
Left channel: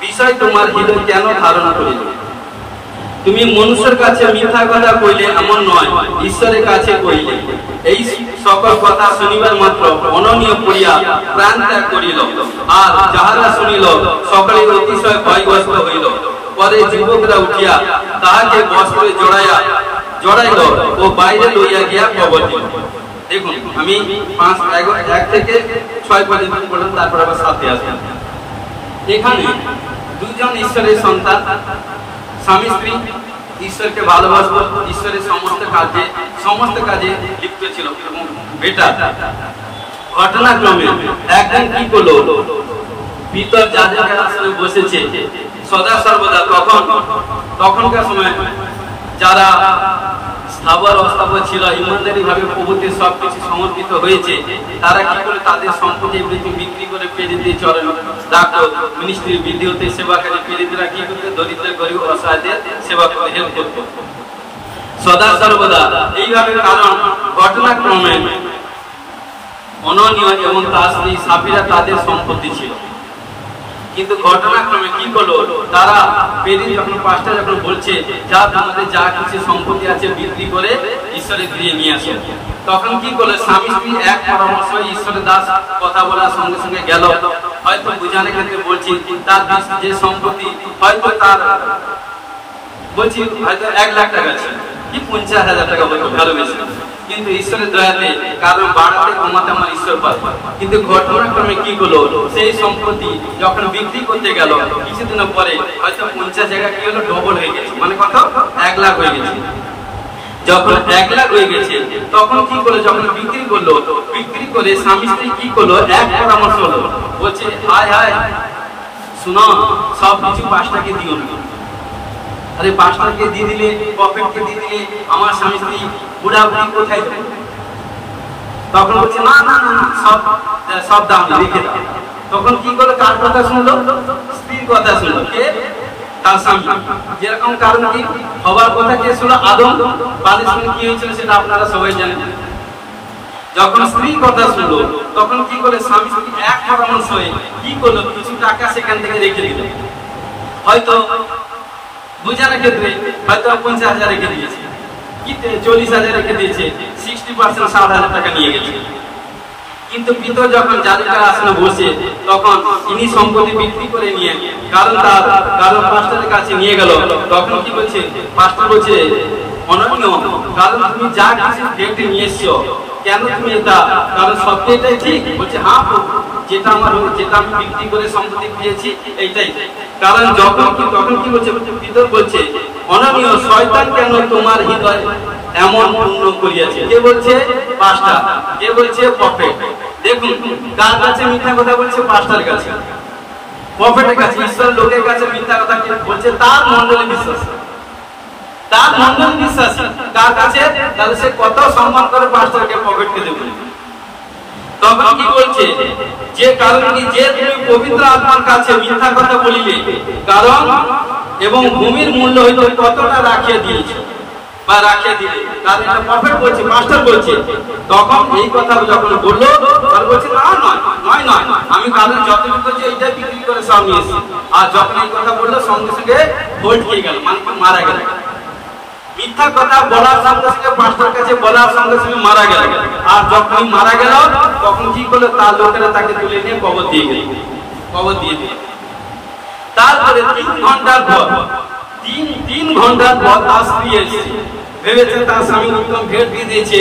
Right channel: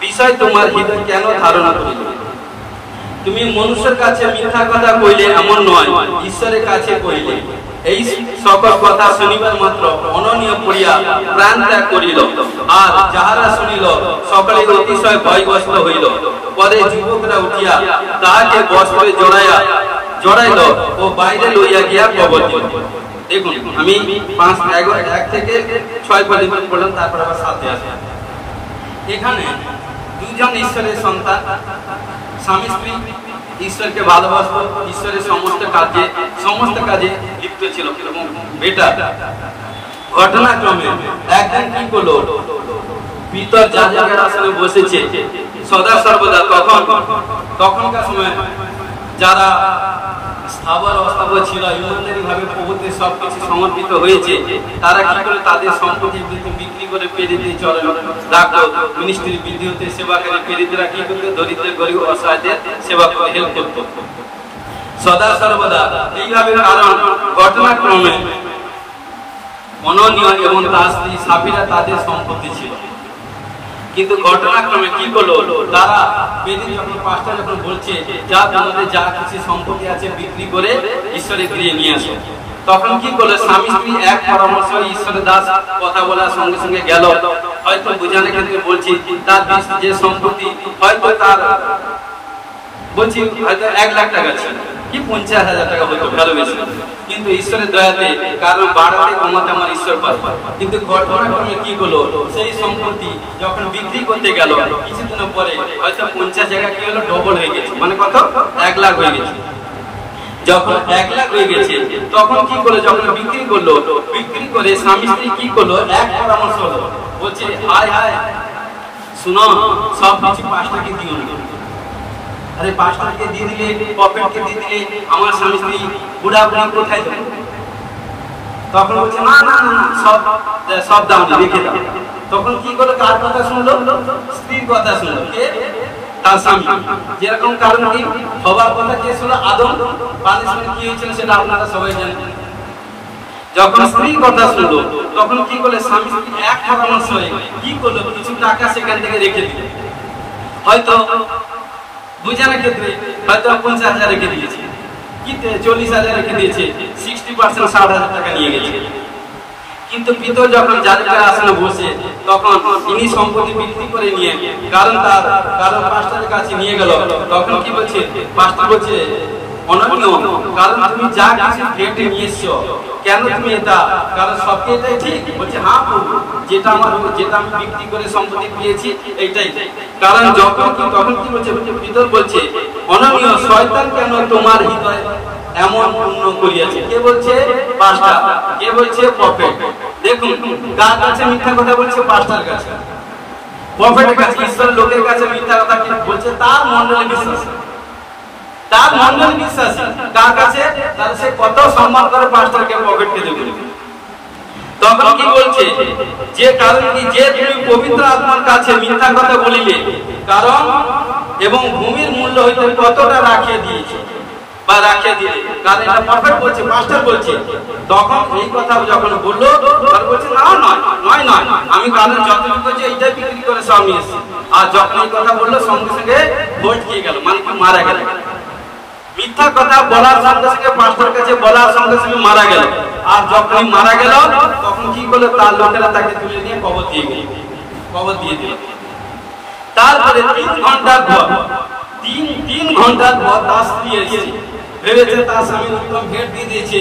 বিষয় তোমার হৃদয় কেন ধারণ করিল? তুমি মনুষ্যের কাছে মিথ্যা কথা কইলে এমন নয়, ঈশ্বরের কাছে কইলে। এই সকল কথা শুনিবার মাত্র অননীয় করিয়া প্রাণ ত্যাগ করিল, আর যাহারা শুনিল সকলে অতিশয় ভয়গ্রস্ত হইল। পরে যুবকরা উঠিয়া তাহাকে বস্ত্রে জড়াইল ও বাইরে লইয়া গিয়া কবর দিল। দেখুন আমি 1 থেকে 6 পর্যন্ত পড়লাম, তারপর আবার 7 আসে। এখানে দুজন ঈশ্বরের সন্তান, স্বামী স্ত্রী ঈশ্বরকে ভালোবাসত, ঈশ্বরের সমস্ত কাজে লিপ্ত ছিল। বেটা ঘটনাক্রমে একদিন কি করলো, পিতর যাজকের আসনে বসেছে সদা সর্বদা। তখনকার সময় যারা আবার অস্তাবর ছিল, ইমানদারি ভাবে প্রভুতে সবকিছু সমর্পিত হয়েছে, তারা কি করে তাদের সম্পত্তি বিক্রি করে পেরিতে চলেন রাখলো। মিনিস্ট্রির বৃদ্ধি হতে সেবাকারী পেরিতেরা কি করতে দরিদ্র গরিব অসহায়দের সেবা করে হেল্প করতো সদা সর্বদা। এইভাবে কারণ ঘটনাক্রমে অননীয় এবং তার স্ত্রী সাফিরা তাদের সম্পত্তি ছিল, কিন্তু ঘটনাক্রমে কি করলো, তারা পেরিত যখন পাঁচটা যখন বলছে যা তোমাদের যা কিছু সম্পত্তি আছে বিক্রি করে ঈশ্বরের গৃহে নিয়ে আসো, তখন কি করলো স্বামী স্ত্রী এক পরামর্শ ঈশ্বরের দাস কথা বলার সঙ্গে সঙ্গে গেল। হয়তো বুঝানোর ক্ষেত্রে বলছি তার যে সম্পত্তি হয়তো তার বলছি হয়তো 1 লাখ টাকা ছিল কি 50,000 টাকা হয়তো ভালো বেশি, কিন্তু ঈশ্বরের দয়াতে কারণ বাড়াতে কমাতে আমার ঈশ্বর পায়। কিন্তু ঘটনাক্রমে কি হলো, সেই সম্পত্তি যখন বিক্রি করতে গেল কিছুদিন পরে হয়তো 50 জায়গা কি হলো ডবল হয়ে গেছে, মানে কত 1 লাখ হয়ে গেছে। যখন 1 লাখ হয়ে গেছে তখন কি করলো, যখন বিক্রি করলো, বিক্রি করে স্বামী স্ত্রী কি করলো এক পরামর্শ হলো, বলছে হায় হায় শুনো সব কিছু পাঁচটাকে দিও না। আরে পাঁচটাকে দিয়ে দিলে প্রফিটকে দিয়ে দিলে আমার স্বামী স্ত্রী বুড়া বুড়ি কোথায় যাবে? তখন বলছে না না না সব দাম রেখে দাও। তখন কি করলো, কার কথা শুনলো, স্ত্রীর কথা শুনলো, কে তার স্বামী। যেরকম কারণ কি সবার কথা কে শুনলো, আদম। পানিশমেন্ট কি হয়েছিল সেটা আপনারা সবাই জানেন। যখন স্ত্রীর কথা শুনলো তখন কি করলো, স্বামী স্ত্রী এক পরামর্শ হয়ে কি করলো, কিছু টাকা সেখান থেকে রেখে দিল। হয়তো বুঝানোর ক্ষেত্রে হয়তো 50,000 রেখে দিয়েছে, কি 40,000 রেখে দিয়েছে, 60% 60,000 টাকা নিয়ে গেছে। কিন্তু পিতর যখন জাজকের আসনে বসে তখন ইনি সম্পত্তি বিক্রি করে নিয়ে কারণ পাস্টারের কাছে নিয়ে গেল। তখন কি বলছে, পাস্টার বলছে অননীয়, কারণ তুমি যা কিছু খেটে নিয়ে এসছো কেন তুমি এটা, কারণ সত্যি এটাই ঠিক। বলছে হ্যাঁ প্রভু, যেটা আমি বিক্রি করে সম্পত্তি পেয়েছি এইটাই। কারণ যখন কি তখন কি বলছে, পিতর বলছে অননীয়, শয়তান কেন তোমার হৃদয় এমন পূর্ণ করিয়াছে। কে বলছে, পাস্টার। কে বলছে, প্রফেট। দেখুন কার কাছে মিথ্যা কথা বলছে, পাস্টার কাছে, প্রফেটের কাছে, ঈশ্বর লোকের কাছে মিথ্যা কথা বলছে তার মণ্ডলী বিশ্বাস, তার মণ্ডলী বিশ্বাস তার কাছে, তাহলে সে কত সম্মান করে পাস্টারকে, প্রফেটকে দেবে। তখন কি বলছে, যে কারণ কি যে তুমি পবিত্র আত্মার কাছে মিথ্যা কথা বলিলে, কারণ এবং ভূমির মূল্য হইতে কতটা রাখিয়ে দিয়েছে বা রাখিয়ে দিলে, কারণ এটা প্রফেট বলছে, পাস্টার বলছে। তখন এই কথা যখন বললো তার বলছে না নয় আমি কারণ যত বিক্রি এইটা বিক্রি করে সব নিয়ে এসেছি। আর যখন এই কথা বললো সঙ্গে সঙ্গে ভোট খেয়ে গেল, মানে মারা গেল। মিথ্যা কথা বলার সঙ্গে সঙ্গে পাস্টার কাছে বলার সঙ্গে সঙ্গে মারা গেল। আর যখন মারা গেল তখন কি করলো, তার লোকেরা তাকে তুলে নিয়ে কবর দিয়ে দিল। তারপরে 3 ঘন্টার পর তার স্ত্রী এসে ভেবেছে তার স্বামী উত্তম ভেট দিয়ে দিয়েছে,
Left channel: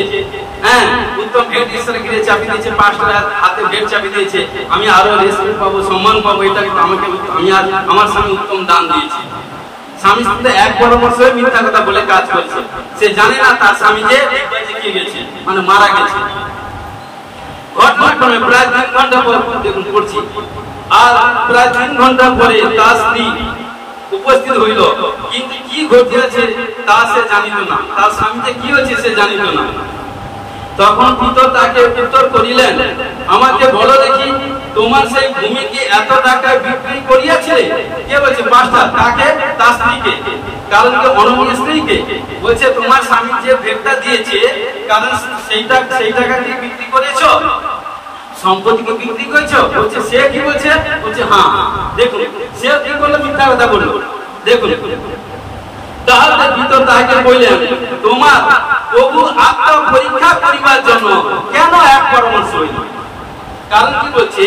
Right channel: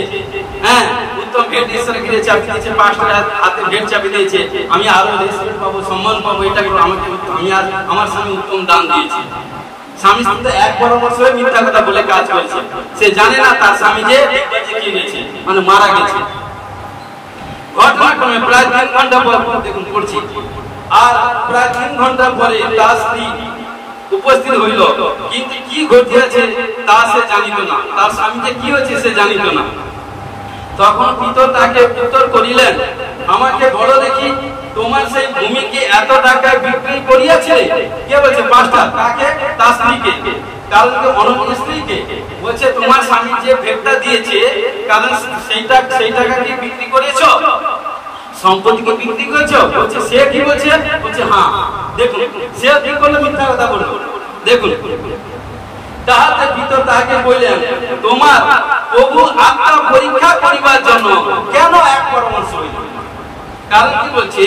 হ্যাঁ উত্তম ভেট ঈশ্বরের গৃহে চাবি দিয়েছে, পাস্টারের হাতে ভেট চাবি দিয়েছে, আমি আরো রেসপেক্ট পাবো, সম্মান পাবো, এটা আমাকে আমার স্বামী উত্তম দান দিয়েছে। স্বামী স্ত্রী এক পরামর্শ মিথ্যা কথা বলে কাজ করছে, সে জানে না তার স্বামী যে গেছে, মানে মারা গেছে। ঘটনাক্রমে প্রায় 3 ঘন্টা পর দেখুন পড়ছি, আর প্রায় 3 ঘন্টা পরে তার স্ত্রী উপস্থিত হইল, কিন্তু কি ঘটিয়াছে তা সে জানিত না, তার স্বামীকে কি হয়েছে সে জানিত না। তখন পিতর তাকে উত্তর করিলেন, আমাকে বলো দেখি তোমার সেই ভূমি কি এত টাকায় বিক্রি করিয়াছে? কে বলছে, পাস্টার। তাকে, তার স্ত্রীকে, কারণ অননীয় স্ত্রীকে বলছে তোমার স্বামী যে ভেটটা দিয়েছে, কারণ সেই টাকা কি বিক্রি করেছো, সম্পত্তিকে বিক্রি করেছো? বলছে সে কি বলছে, বলছে হ্যাঁ। দেখুন সে কি করলো, মিথ্যা কথা বললো। দেখুন তাহাতে ভিতর তাহাকে বললেন, তোমার প্রভু আত্মা পরীক্ষা করিবার জন্য কেন এক পরামর্শ হইল? কারণ কি বলছে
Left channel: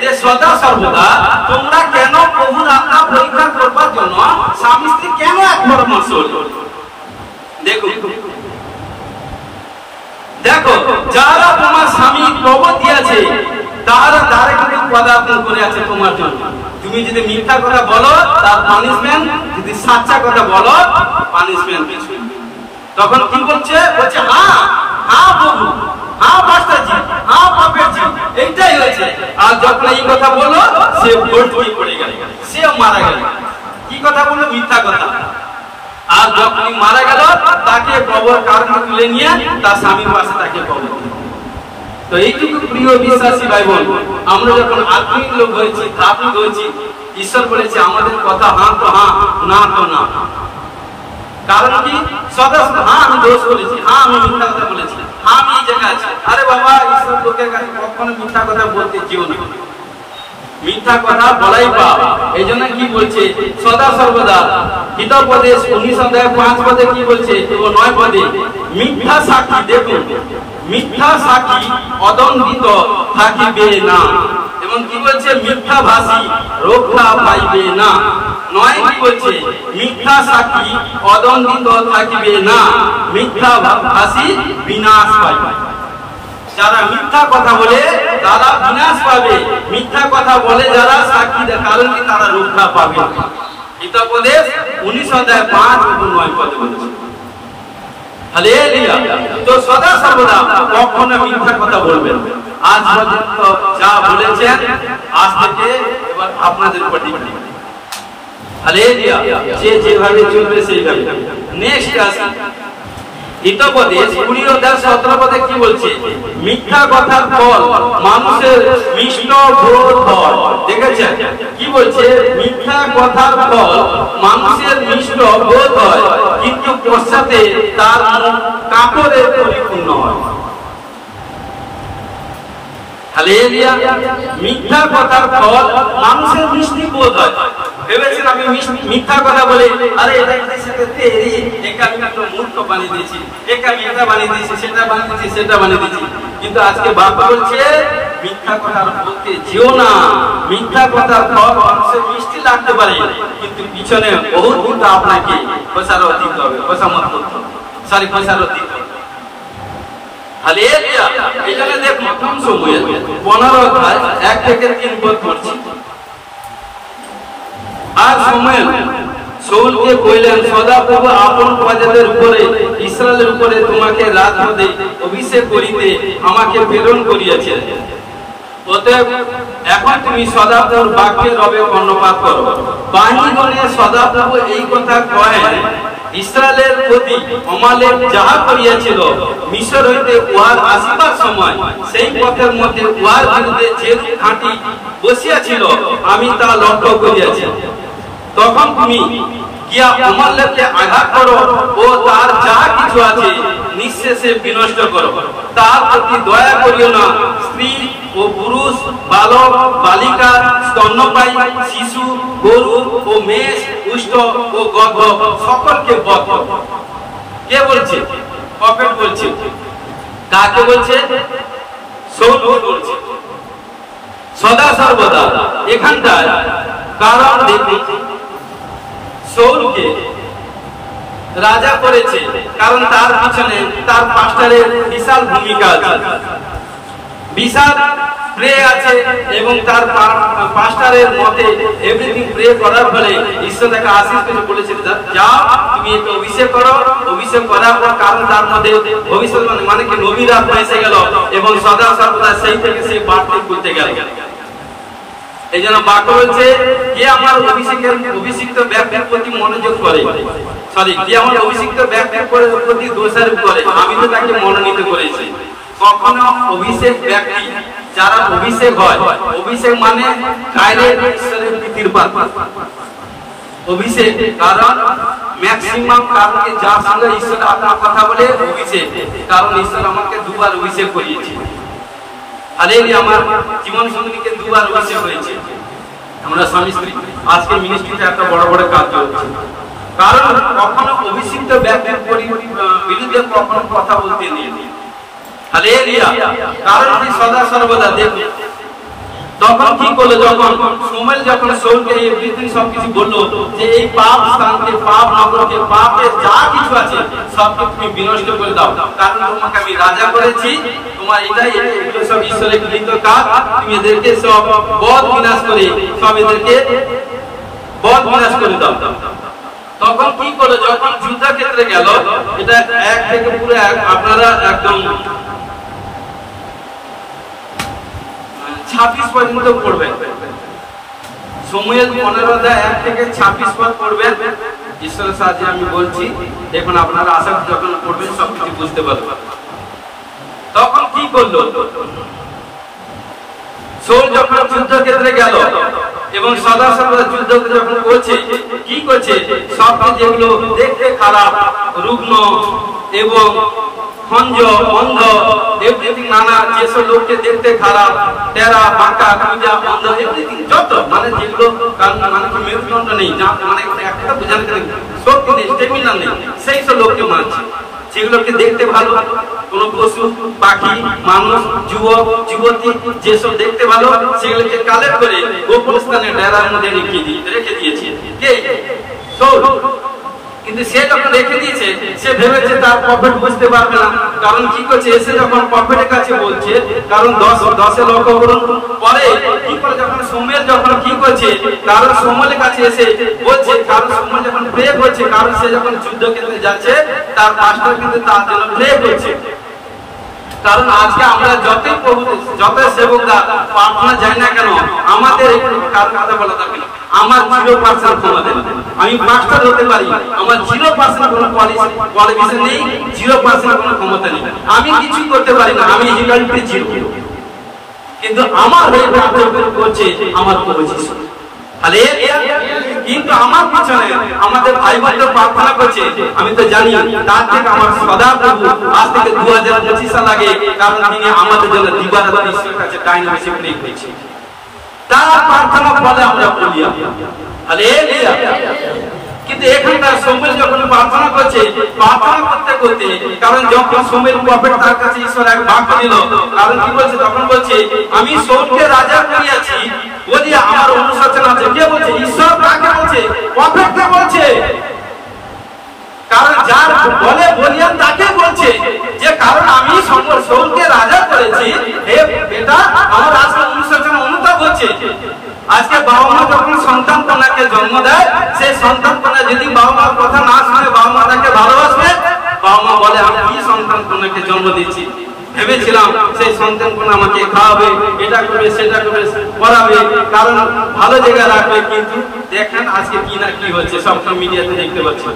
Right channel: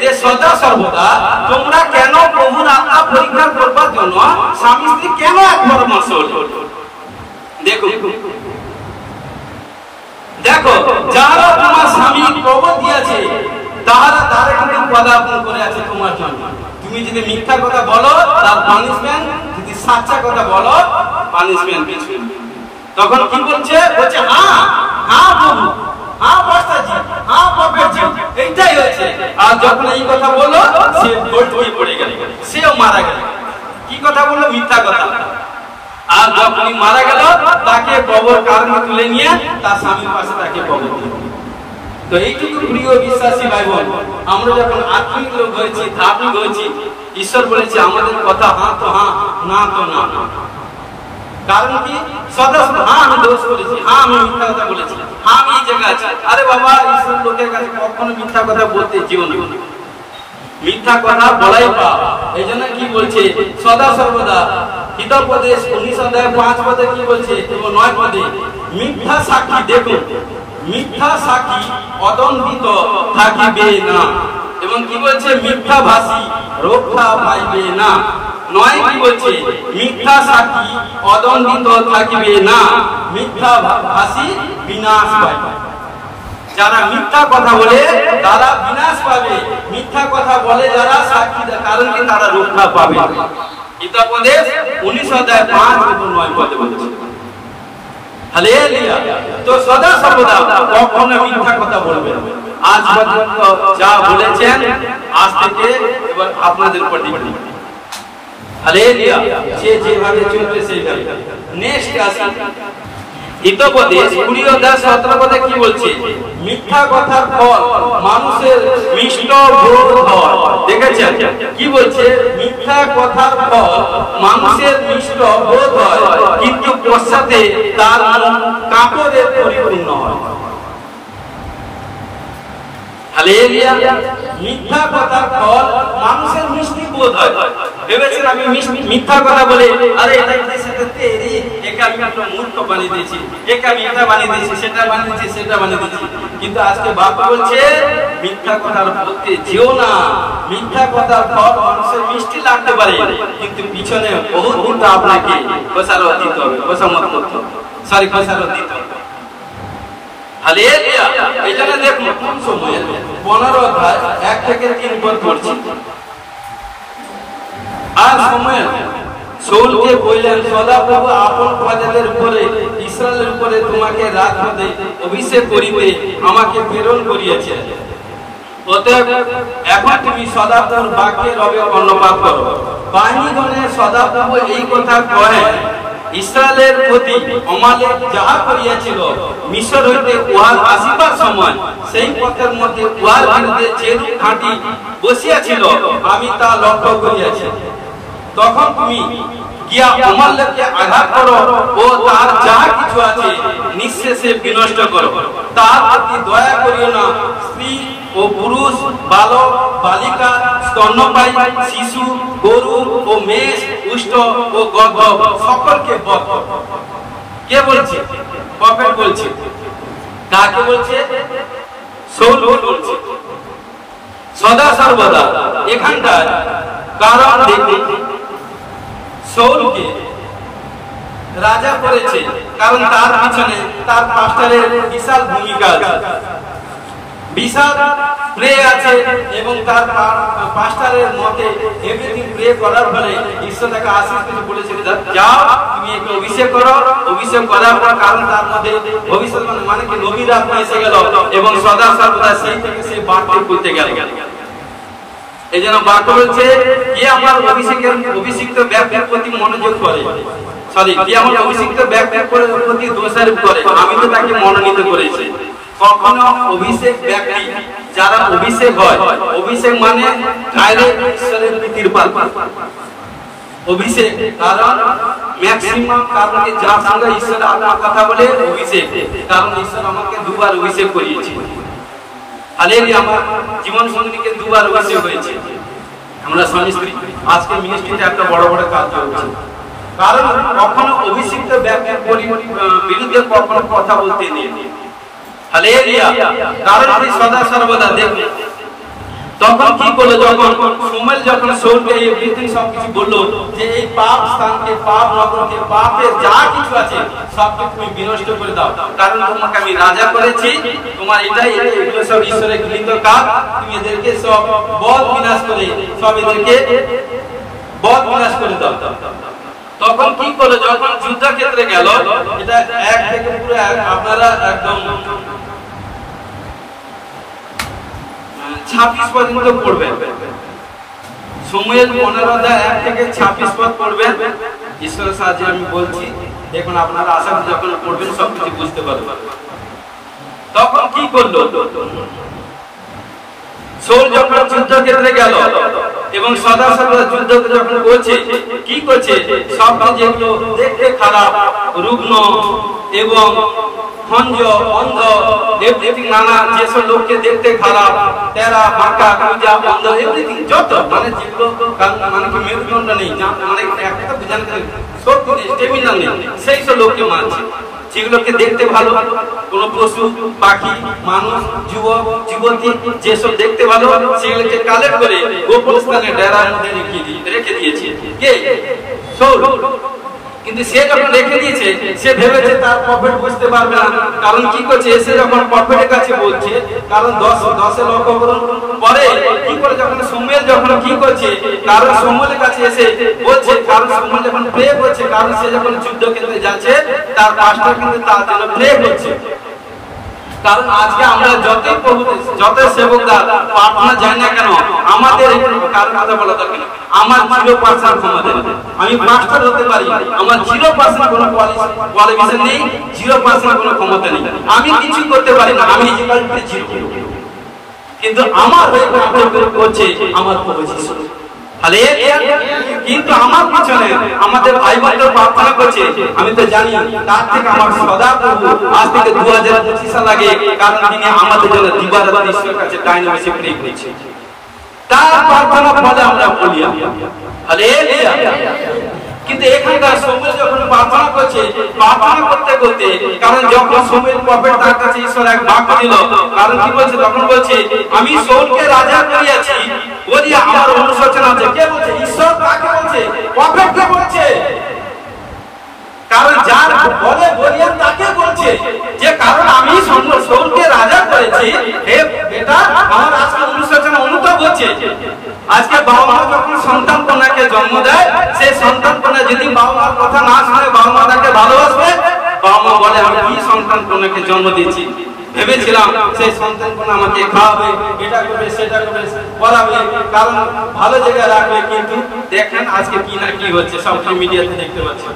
যে সদা সর্বদা তোমরা কেন প্রভুর আত্মা পরীক্ষা করবার জন্য স্বামী স্ত্রী কেন এক পরামর্শ হইল? দেখো যারা তোমার স্বামী কবর দিয়েছে তারা কিন্তু পদার্পণ করে আছে তোমার জন্য। তুমি যদি মিথ্যা কথা বলো তার পানিশমেন্ট, যদি সাচ্চা কথা বলো পানিশমেন্ট। তখন কি বলছে, বলছে হ্যাঁ প্রভু, হ্যাঁ পাস্টারজি, হ্যাঁ প্রফেটজি, এইটাই হয়েছে। আর যখন এই কথা বললো সে ভোট হয়ে পড়ে গেল, সেও মারা গেল। কি কথা বললো, মিথ্যা কথা। আর যখনই মারা গেল তাকে কবর কারণে তুলে নিয়ে তার স্বামীর পাশে তাকে কবর দিল। তো এইটুকু প্রিয় বিশ্বাসী ভাই বোন, আমরা যখন আত্মীয় লোক হয়েছি, ধার্মিক হয়েছি, ঈশ্বর বলেছে আমাদের কথা হ্যাঁ তো হ্যাঁ, না তো না। কারণ কি? সদা হ্যাঁ আমি দোষ বলেছি, হ্যাঁ আমি মিথ্যা কথা বলেছি, হ্যাঁ আমি এই জায়গায় আছি। আরে বাবা, ঈশ্বর লোকের কাছে কখনো মিথ্যা কথা বলতে জীবনে, মিথ্যা কথা বলাই পাপ। এই জন্য কি বলছে সদা সর্বদা হিতোপদেশ 19 অধ্যায় 5 পদে কি বলছে, 9 পদে, মিথ্যা সাক্ষী, দেখুন মিথ্যা সাক্ষী অদণ্ডিত থাকিবে না, এবং কি বলছে মিথ্যা ভাষী রক্ষা পাইবে না। 9 কি বলছে, মিথ্যা সাক্ষী অদণ্ডিত থাকিবে না, মিথ্যা ভাষী বিনাশ পাইবে। যারা মিথ্যা কথা বলে তারা বিনাশ পাবে, মিথ্যা কথা বলে যারা সাক্ষী কারণ কি তারা রক্ষা পাবে। হিতোপদেশ 19 অধ্যায় 5 এবং 9 পদে বলছে। হালেলুয়া। তো সদা সর্বদা কখনো মিথ্যা কথা বলবেন। আজ পর্যন্ত যা বলেছেন আজ থেকে এবার আপনাদের উপর ডিপেন্ড। হালেলুয়া। যে যেভাবে চলবে সেইভাবে। নেক্সট আসে হিতোপদেশ 20 অধ্যায় 17 পদে কি বলছে, মিথ্যা কথার ফল মানুষের মিষ্ট বোধ হয়। দেখেছেন কি বলছে, মিথ্যা কথার ফল মানুষের মিষ্ট বোধ হয়, কিন্তু পশ্চাতে তার মুখ কাপড়ের পরিপূর্ণ হয়। হালেলুয়া। মিথ্যা কথার ফল মানুষের মিষ্টি বোধ হয়। ভেবেছেন আমি মিথ্যা কথা বলে আরে একে আমি আপনার মূর্খ বানিয়ে দিয়েছি, একে আমি এটা বানিয়ে দিয়েছি, সেটা বানিয়ে দিয়েছি, সেটা বানিয়ে দিয়েছি। কিন্তু আজকে বাবা বলছে মিথ্যা কথার বলতে যেও না। মিথ্যা কথার ফল মানুষের মিষ্টি লাগতে পারে, কিন্তু পিছনে বহু কিন্তু আপনাকে খোসারত দিতে হবে, খোসামত করতে হবে, সরি খোসারত দিতে হবে। হালেলুয়া। এই জন্য দেখুন প্রথম সময়ে 15 অধ্যায় 1 থেকে 3 পদ পড়ছি। আর সময় শাউলকে কইলেন, সদাপ্রভু আপন প্রজাদের উপরে ইসরায়েলের উপরে তোমাকে রাজপদে অভিষেক করিতে আমাকে প্রেরণ করিয়াছেন। অতএব এখন তুমি সদাপ্রভুর বাক্যে রবে কর্ণপাত করো। বাহিনীগণে সদাপ্রভু এই কথা কহেন, ইসরায়েলের প্রতি অমালেক যাহা করিয়াছিল মিশর হইতে উহার আসিবার সময় সেই পথের মধ্যে উহার বিরুদ্ধে যে ঘাঁটি বসিয়াছিল আমি তা লক্ষ্য করিয়াছি। তখন তুমি গিয়া অমালেককে আঘাত করো ও তার যাহা কিছু আছে নিঃশেষে বিনষ্ট করো। তার প্রতি দয়া করিও না। স্ত্রী ও পুরুষ, বালক বালিকা, স্তন্যপায়ী শিশু, গরু ও মেষ, উষ্ঠ ও গর্ভ সকলকে বধ করো। কে বলছে? প্রফেট বলছে। কাকে বলছে? শাউল বলছে। সদা সর্বদা এখানকার কারণ দেখুন, শাউলকে রাজা করেছে কারণ তার পিছনে তার পাস্টারের বিশাল ভূমিকা আছে, বিশাল প্রে আছে, এবং তার পাস্টারের মতে এভরিথিং প্রে করার ফলে ঈশ্বর তাকে আশীষ করে বলেছেন, যাও তুমি একে অভিষেক করো। অভিষেক করার পর কারণ তার মধ্যে ভবিষ্যৎবাণী মানে কি নবীরা এসে গেল, এবং সদা সর্বদা সেই থেকে সে বাড়তে করতে গেল। এই জন্য বাক্য বলছে, কে আমার অভিষিক্ত ব্যক্তির প্রতি মনোযোগ করে, সরি কে আমার অভিষিক্ত ব্যক্তির প্রতি দোষারোপ করে, আমি তো তাকে মনোনীত করেছি। কখনো অভিষেক ব্যক্তি যারা অভিষেক হয়, অভিষেক মানে ঈশ্বরের প্রীতির পাত্র অভিষেক, কারণ ম্যাক্সিমাম কারণে যার সঙ্গে ঈশ্বর আপনার কথা বলে অভিষেক, কারণ ঈশ্বর আমাকে 2 বার অভিষেক করিয়েছে। হালেলুয়া। আমার জীবন সঙ্গীকে 2 বার অভিষেক হয়েছে। আমরা স্বামী স্ত্রী আজকে মিনিস্ট্রিতে একটা বড় বড় কাজ চলছে, কারণ কখনো অভিষিক্ত ব্যক্তির বিরুদ্ধে কখনো কথা বলতে নেই। হালেলুয়া। কারণ তিনি সদা সর্বদা দেখুন তখন কি করলো, যখন সময় যখন শাউলকে এই পৃথিবী সবকিছু বললো যে এই পাপ স্থানকে, পাপ নগরকে, পাপের যা কিছু আছে সবকে তুমি বিনষ্ট করে দাও, কারণ তোমাকে আমি রাজা করেছি, তোমার এটাই এগুলো সব ঈশ্বরের গৃহীত কাজ, তুমি এদেরকে সব বধ বিনাশ করে সব এদেরকে বধ বিনাশ করে দাও। তখন কি করলো, যখন যুদ্ধক্ষেত্রে গেল, এটা 1 থেকে পুরো আপনারা একদম 26 পর্যন্ত পড়বেন। সমুয়েল 15 অধ্যায় 1 থেকে 26 পদ পড়বেন। ঈশ্বরের সাহায্যে আমি বলছি, দেখুন আপনারা আশা করি যখন পড়বেন সবকিছু বুঝতে পারবেন। তখন কি করলো, শাউল যখন যুদ্ধক্ষেত্রে গেল এবং সদা সদা যুদ্ধ যখন করছে, কি করছে, সবকে যেগুলো দেখতে খারাপ, রুগ্ন এবং অন্ধ, এভরিথিং নানা যেসব লোককে দেখতে খারাপ, টেরা বাঁকা পূজা অন্ধ এভরিথিং যত মানে যেগুলো মানে কি মেরুদণ্ড নেই, মানে একটা বোঝার শক্তি নেই, স্টেমিনা নেই, সেই সব লোককে মানছে। যেগুলোকে দেখতে ভালো, কোন পশু পাখি মানুষ যুবক যুবতী যেসব দেখতে ভালো সেগুলোকে কালেক্ট করে গোপন স্থানে ডেরার মধ্যে রেখে দিয়েছে কে, শাউল। কিন্তু সে যখন রেখে দিয়েছে সে ভেবেছে তার প্রফেট বুঝতে পারবে না, কারণ কি করছে এসে যখন প্রফেটের কাছে বলছে, কারণ 10 লক্ষ পরে কি করে যখন সুমেল যখন কি করছে, কারণ সুমেলের কাছে এসে বলছে, কারণ সুমেল যখন প্রে করছে, কারণ সে যখন যুদ্ধক্ষেত্রে যাচ্ছে তার পাস্টার কিন্তু তার জন্য প্রে করছে। কারণ আজকে আমরা যত সেবকরা প্রার্থনা যায় না কেন, আমাদের কার কথা বলা দরকার না, আমার 0% ক্ষমতা নেই, আমি মাস্টার হতে পারি, আমার 0% কোনো কোয়ালিফিকেশন নেই, 0% কোনো ক্ষমতা নেই, আমি কিছু করতে পারি না, আমি ইকালতে জিরো। কিন্তু আমার হয়ে করছে আমার প্রভু যিশু। কিন্তু আমার পিছনে আমাদের ভাই বোনদের প্রার্থনা করছে, আমি তো জানি তার থেকে আমার সদা প্রভু আজ থেকে 2025 সাল আগে, কারণ তিনি আমাদের জন্য দিবারাত ঈশ্বরের কাছে টাইনে বেশি প্রে করেছে, তার প্রার্থনা ফলে আমরা বলি। কিন্তু এখানকার শাউল যখন প্রার্থনা করছে, প্রার্থনা করতে করতে, কারণ যখন শাউল প্রফেট তার কাছে ঈশ্বর এক বাক্য দিল, কারণ কি বলছে, তখন বলছে আমি শাউলকে রাজা করিয়াছি বলিয়া আমার অনুশোচনা আছে। কে বলছে? ঈশ্বর। কাকে বলছে? প্রফেটকে বলছে। কারণ যার বলে বলিয়া তাকে বলছে যে কারণ আমি শাউলকে রাজা করেছি, হে বেটা আমার আজকে অনুশোচনা অনুতাপ হচ্ছে। আজকে বাবা মা যখন সন্তান কন্যাকে জন্ম দেয়, সেই সন্তান কন্যা যদি বাবা মার কথা না শুনে বাবা মা তাকে ভালোবাসবে, বাবা মা বলে আমি কি সন্তান কন্যাকে জন্ম দিচ্ছি, ভেবেছিলাম সেই সন্তান কন্যা আমাকে খাওয়াবে, এটা করবে সেটা করবে, পড়াবে, কারণ ভালো জায়গায় রাখবে। কিন্তু দেখেন আজকে কি না কি হচ্ছে, সব মিডিয়াতে দেখতে পাচ্ছি।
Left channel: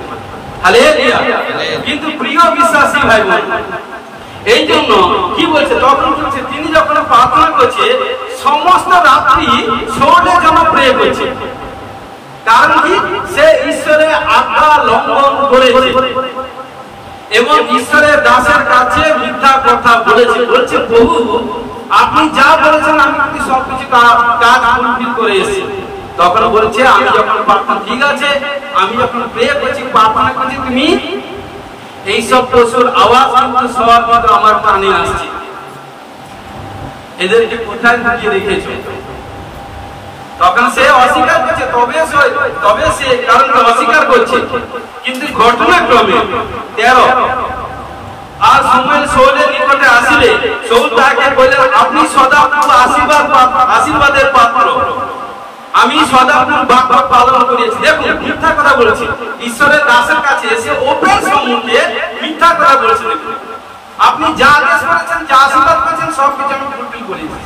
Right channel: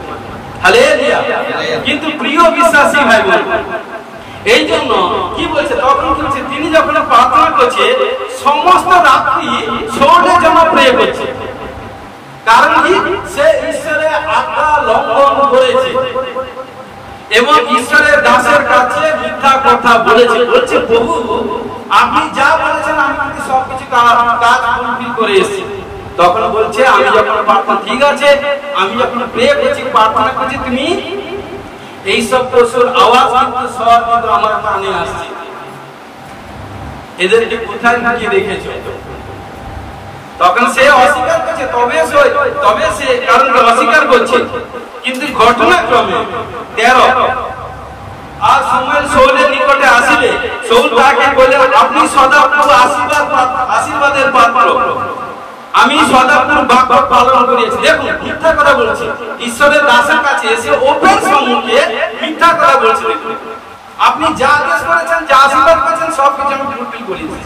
কিন্তু প্রিয় বিশ্বাসী ভাই বোন, এই জন্য কি বলছে, তখন বলছে তিনি যখন প্রার্থনা করছে সমস্ত রাত্রি শাউলের জন্য প্রে করছে। কারণ কি? সে ঈশ্বরের আজ্ঞা লঙ্ঘন করেছে এবং ঈশ্বরের দাসের কাছে মিথ্যা কথা বলেছে। বলছে প্রভু আপনি যা বলেছেন আমি সবকিছু কাজ ফুলফিল করে এসেছি। তখন বলছে আমি যখন প্রার্থনা, ঠিক আছে আমি যখন প্রে করছি প্রার্থনা করছি, তুমি এইসব পশুর আওয়াজ কিন্তু সবার কিন্তু আমার কানে আসছে, এদেরকে কোথায় লুকিয়ে রেখেছো? তখন সে অস্বীকার করছে, তবে সে কারণ অস্বীকার করছে। কিন্তু ঘটনাক্রমে 13 আর শামুয়েল শাউলের নিকটে আসিলে শাউল তাকে বললেন আপনি সদাপ্রভু আশীর্বাদের পাত্র, আমি সদাপ্রভু বাক্য পালন করেছি। দেখুন মিথ্যা কথা বলেছে, ঈশ্বরের দাসের কাছে এসে ওপেন সম্মুখে মিথ্যা কথা বলেছে। দেখুন আপনি যা আদেশ করেছেন, যা আশীর্বাদ করেছেন সবকিছু আমি ফুলফিল করেছি।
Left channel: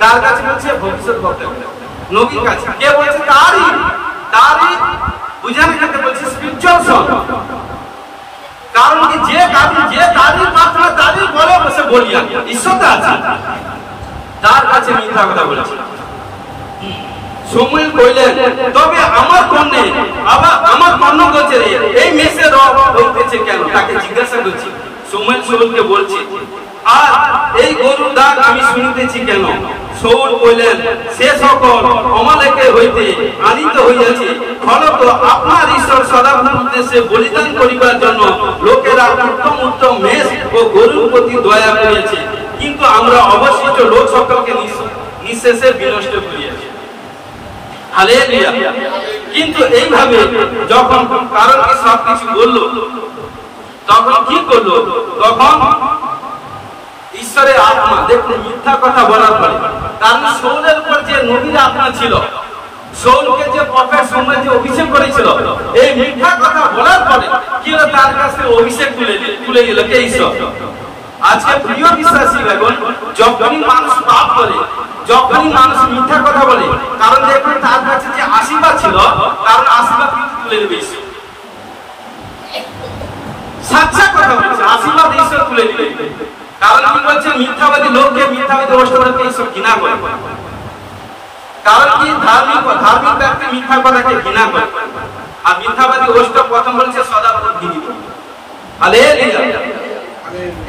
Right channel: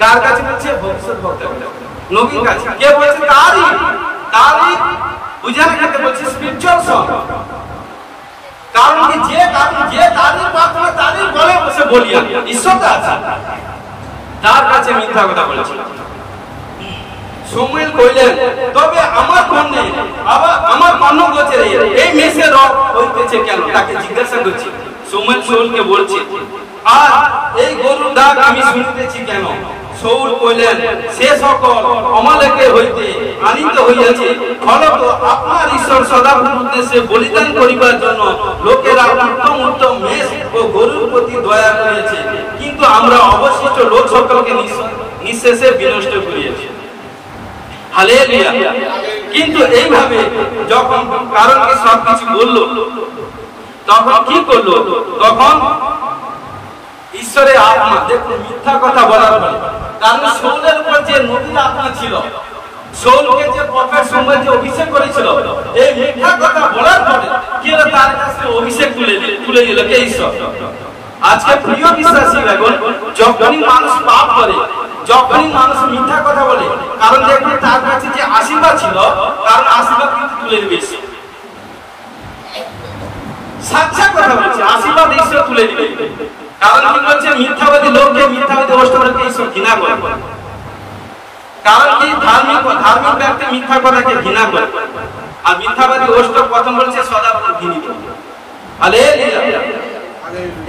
তার কাছে বলছে ভবিষ্যৎ বক্তা, নবীর কাছে কে বলছে? তারই বুঝানো যেতে বলছে স্পিরিচুয়াল সং। কারণ কি যে তারই প্রার্থনা তারই বলে বসে বলিয়া ঈশ্বর আছে, তার কাছে মিথ্যা কথা বলেছে। শামুয়েল কইলেন তবে আমার কন্যা, আবার আমার কন্যা বলছে এই মেসে রব হইতেছে কেন? তাকে জিজ্ঞাসা করছে। শামুয়েল শাউলকে বলছে আর এই গরুর ডাক আমি শুনিতেছি কেন? শাউল কইলেন সে সকল অমালেকের হইতে আনিত হইয়াছে, ফলত আপনার ঈশ্বর সদাপ্রভুর উদ্দেশ্যে বলিদান করিবার জন্য লোকেরা উত্তম উত্তম মেষ ও গরুর প্রতি দয়া করিয়াছে, কিন্তু আমরা অবশিষ্ট লোক সকলকে নিঃশেষে বিনষ্ট করিয়াছি। হালেলুয়া। কিন্তু এইভাবে যখন কারণ কি সবকিছু বললো, তখন কি করলো? তখন ঈশ্বরের আত্মা, দেখুন মিথ্যা কথা বলার পরে, কারণ শাউলের উপর যে নবীর আত্মা ছিল, শাউলকে যে প্রফেট শামুয়েল যে অভিষেক করেছিল, এই মিথ্যা কথা বলার পরে কি হলো? তার কাছে অভিষেক তুলে নিল কে? ঈশ্বর। আজকে প্রিয় বিশ্বাসী ভাই, যখনই মানুষ পাপ করে, যখনই মানুষ মিথ্যা কথা বলে, কারণ দেখুন তার কাছে যে আশীর্বাদ ছিল, কারণ আশীর্বাদ কিন্তু তুলে নেবে। সাচ্চা কথা বলছে, আশীর্বাদ ঈশ্বর তুলে দিবে। কারণ কি বলছে, মিথ্যাবাদী লোককে, মিথ্যাবাদী অষ্টকে ঈশ্বর ঘৃণা করে। কারণ কি, ধার্মিক ব্যক্তি মিথ্যা কথাকে ঘৃণা করে, আর মিথ্যাবাদী অষ্টক প্রথম বলছে সদা ঘৃণিত।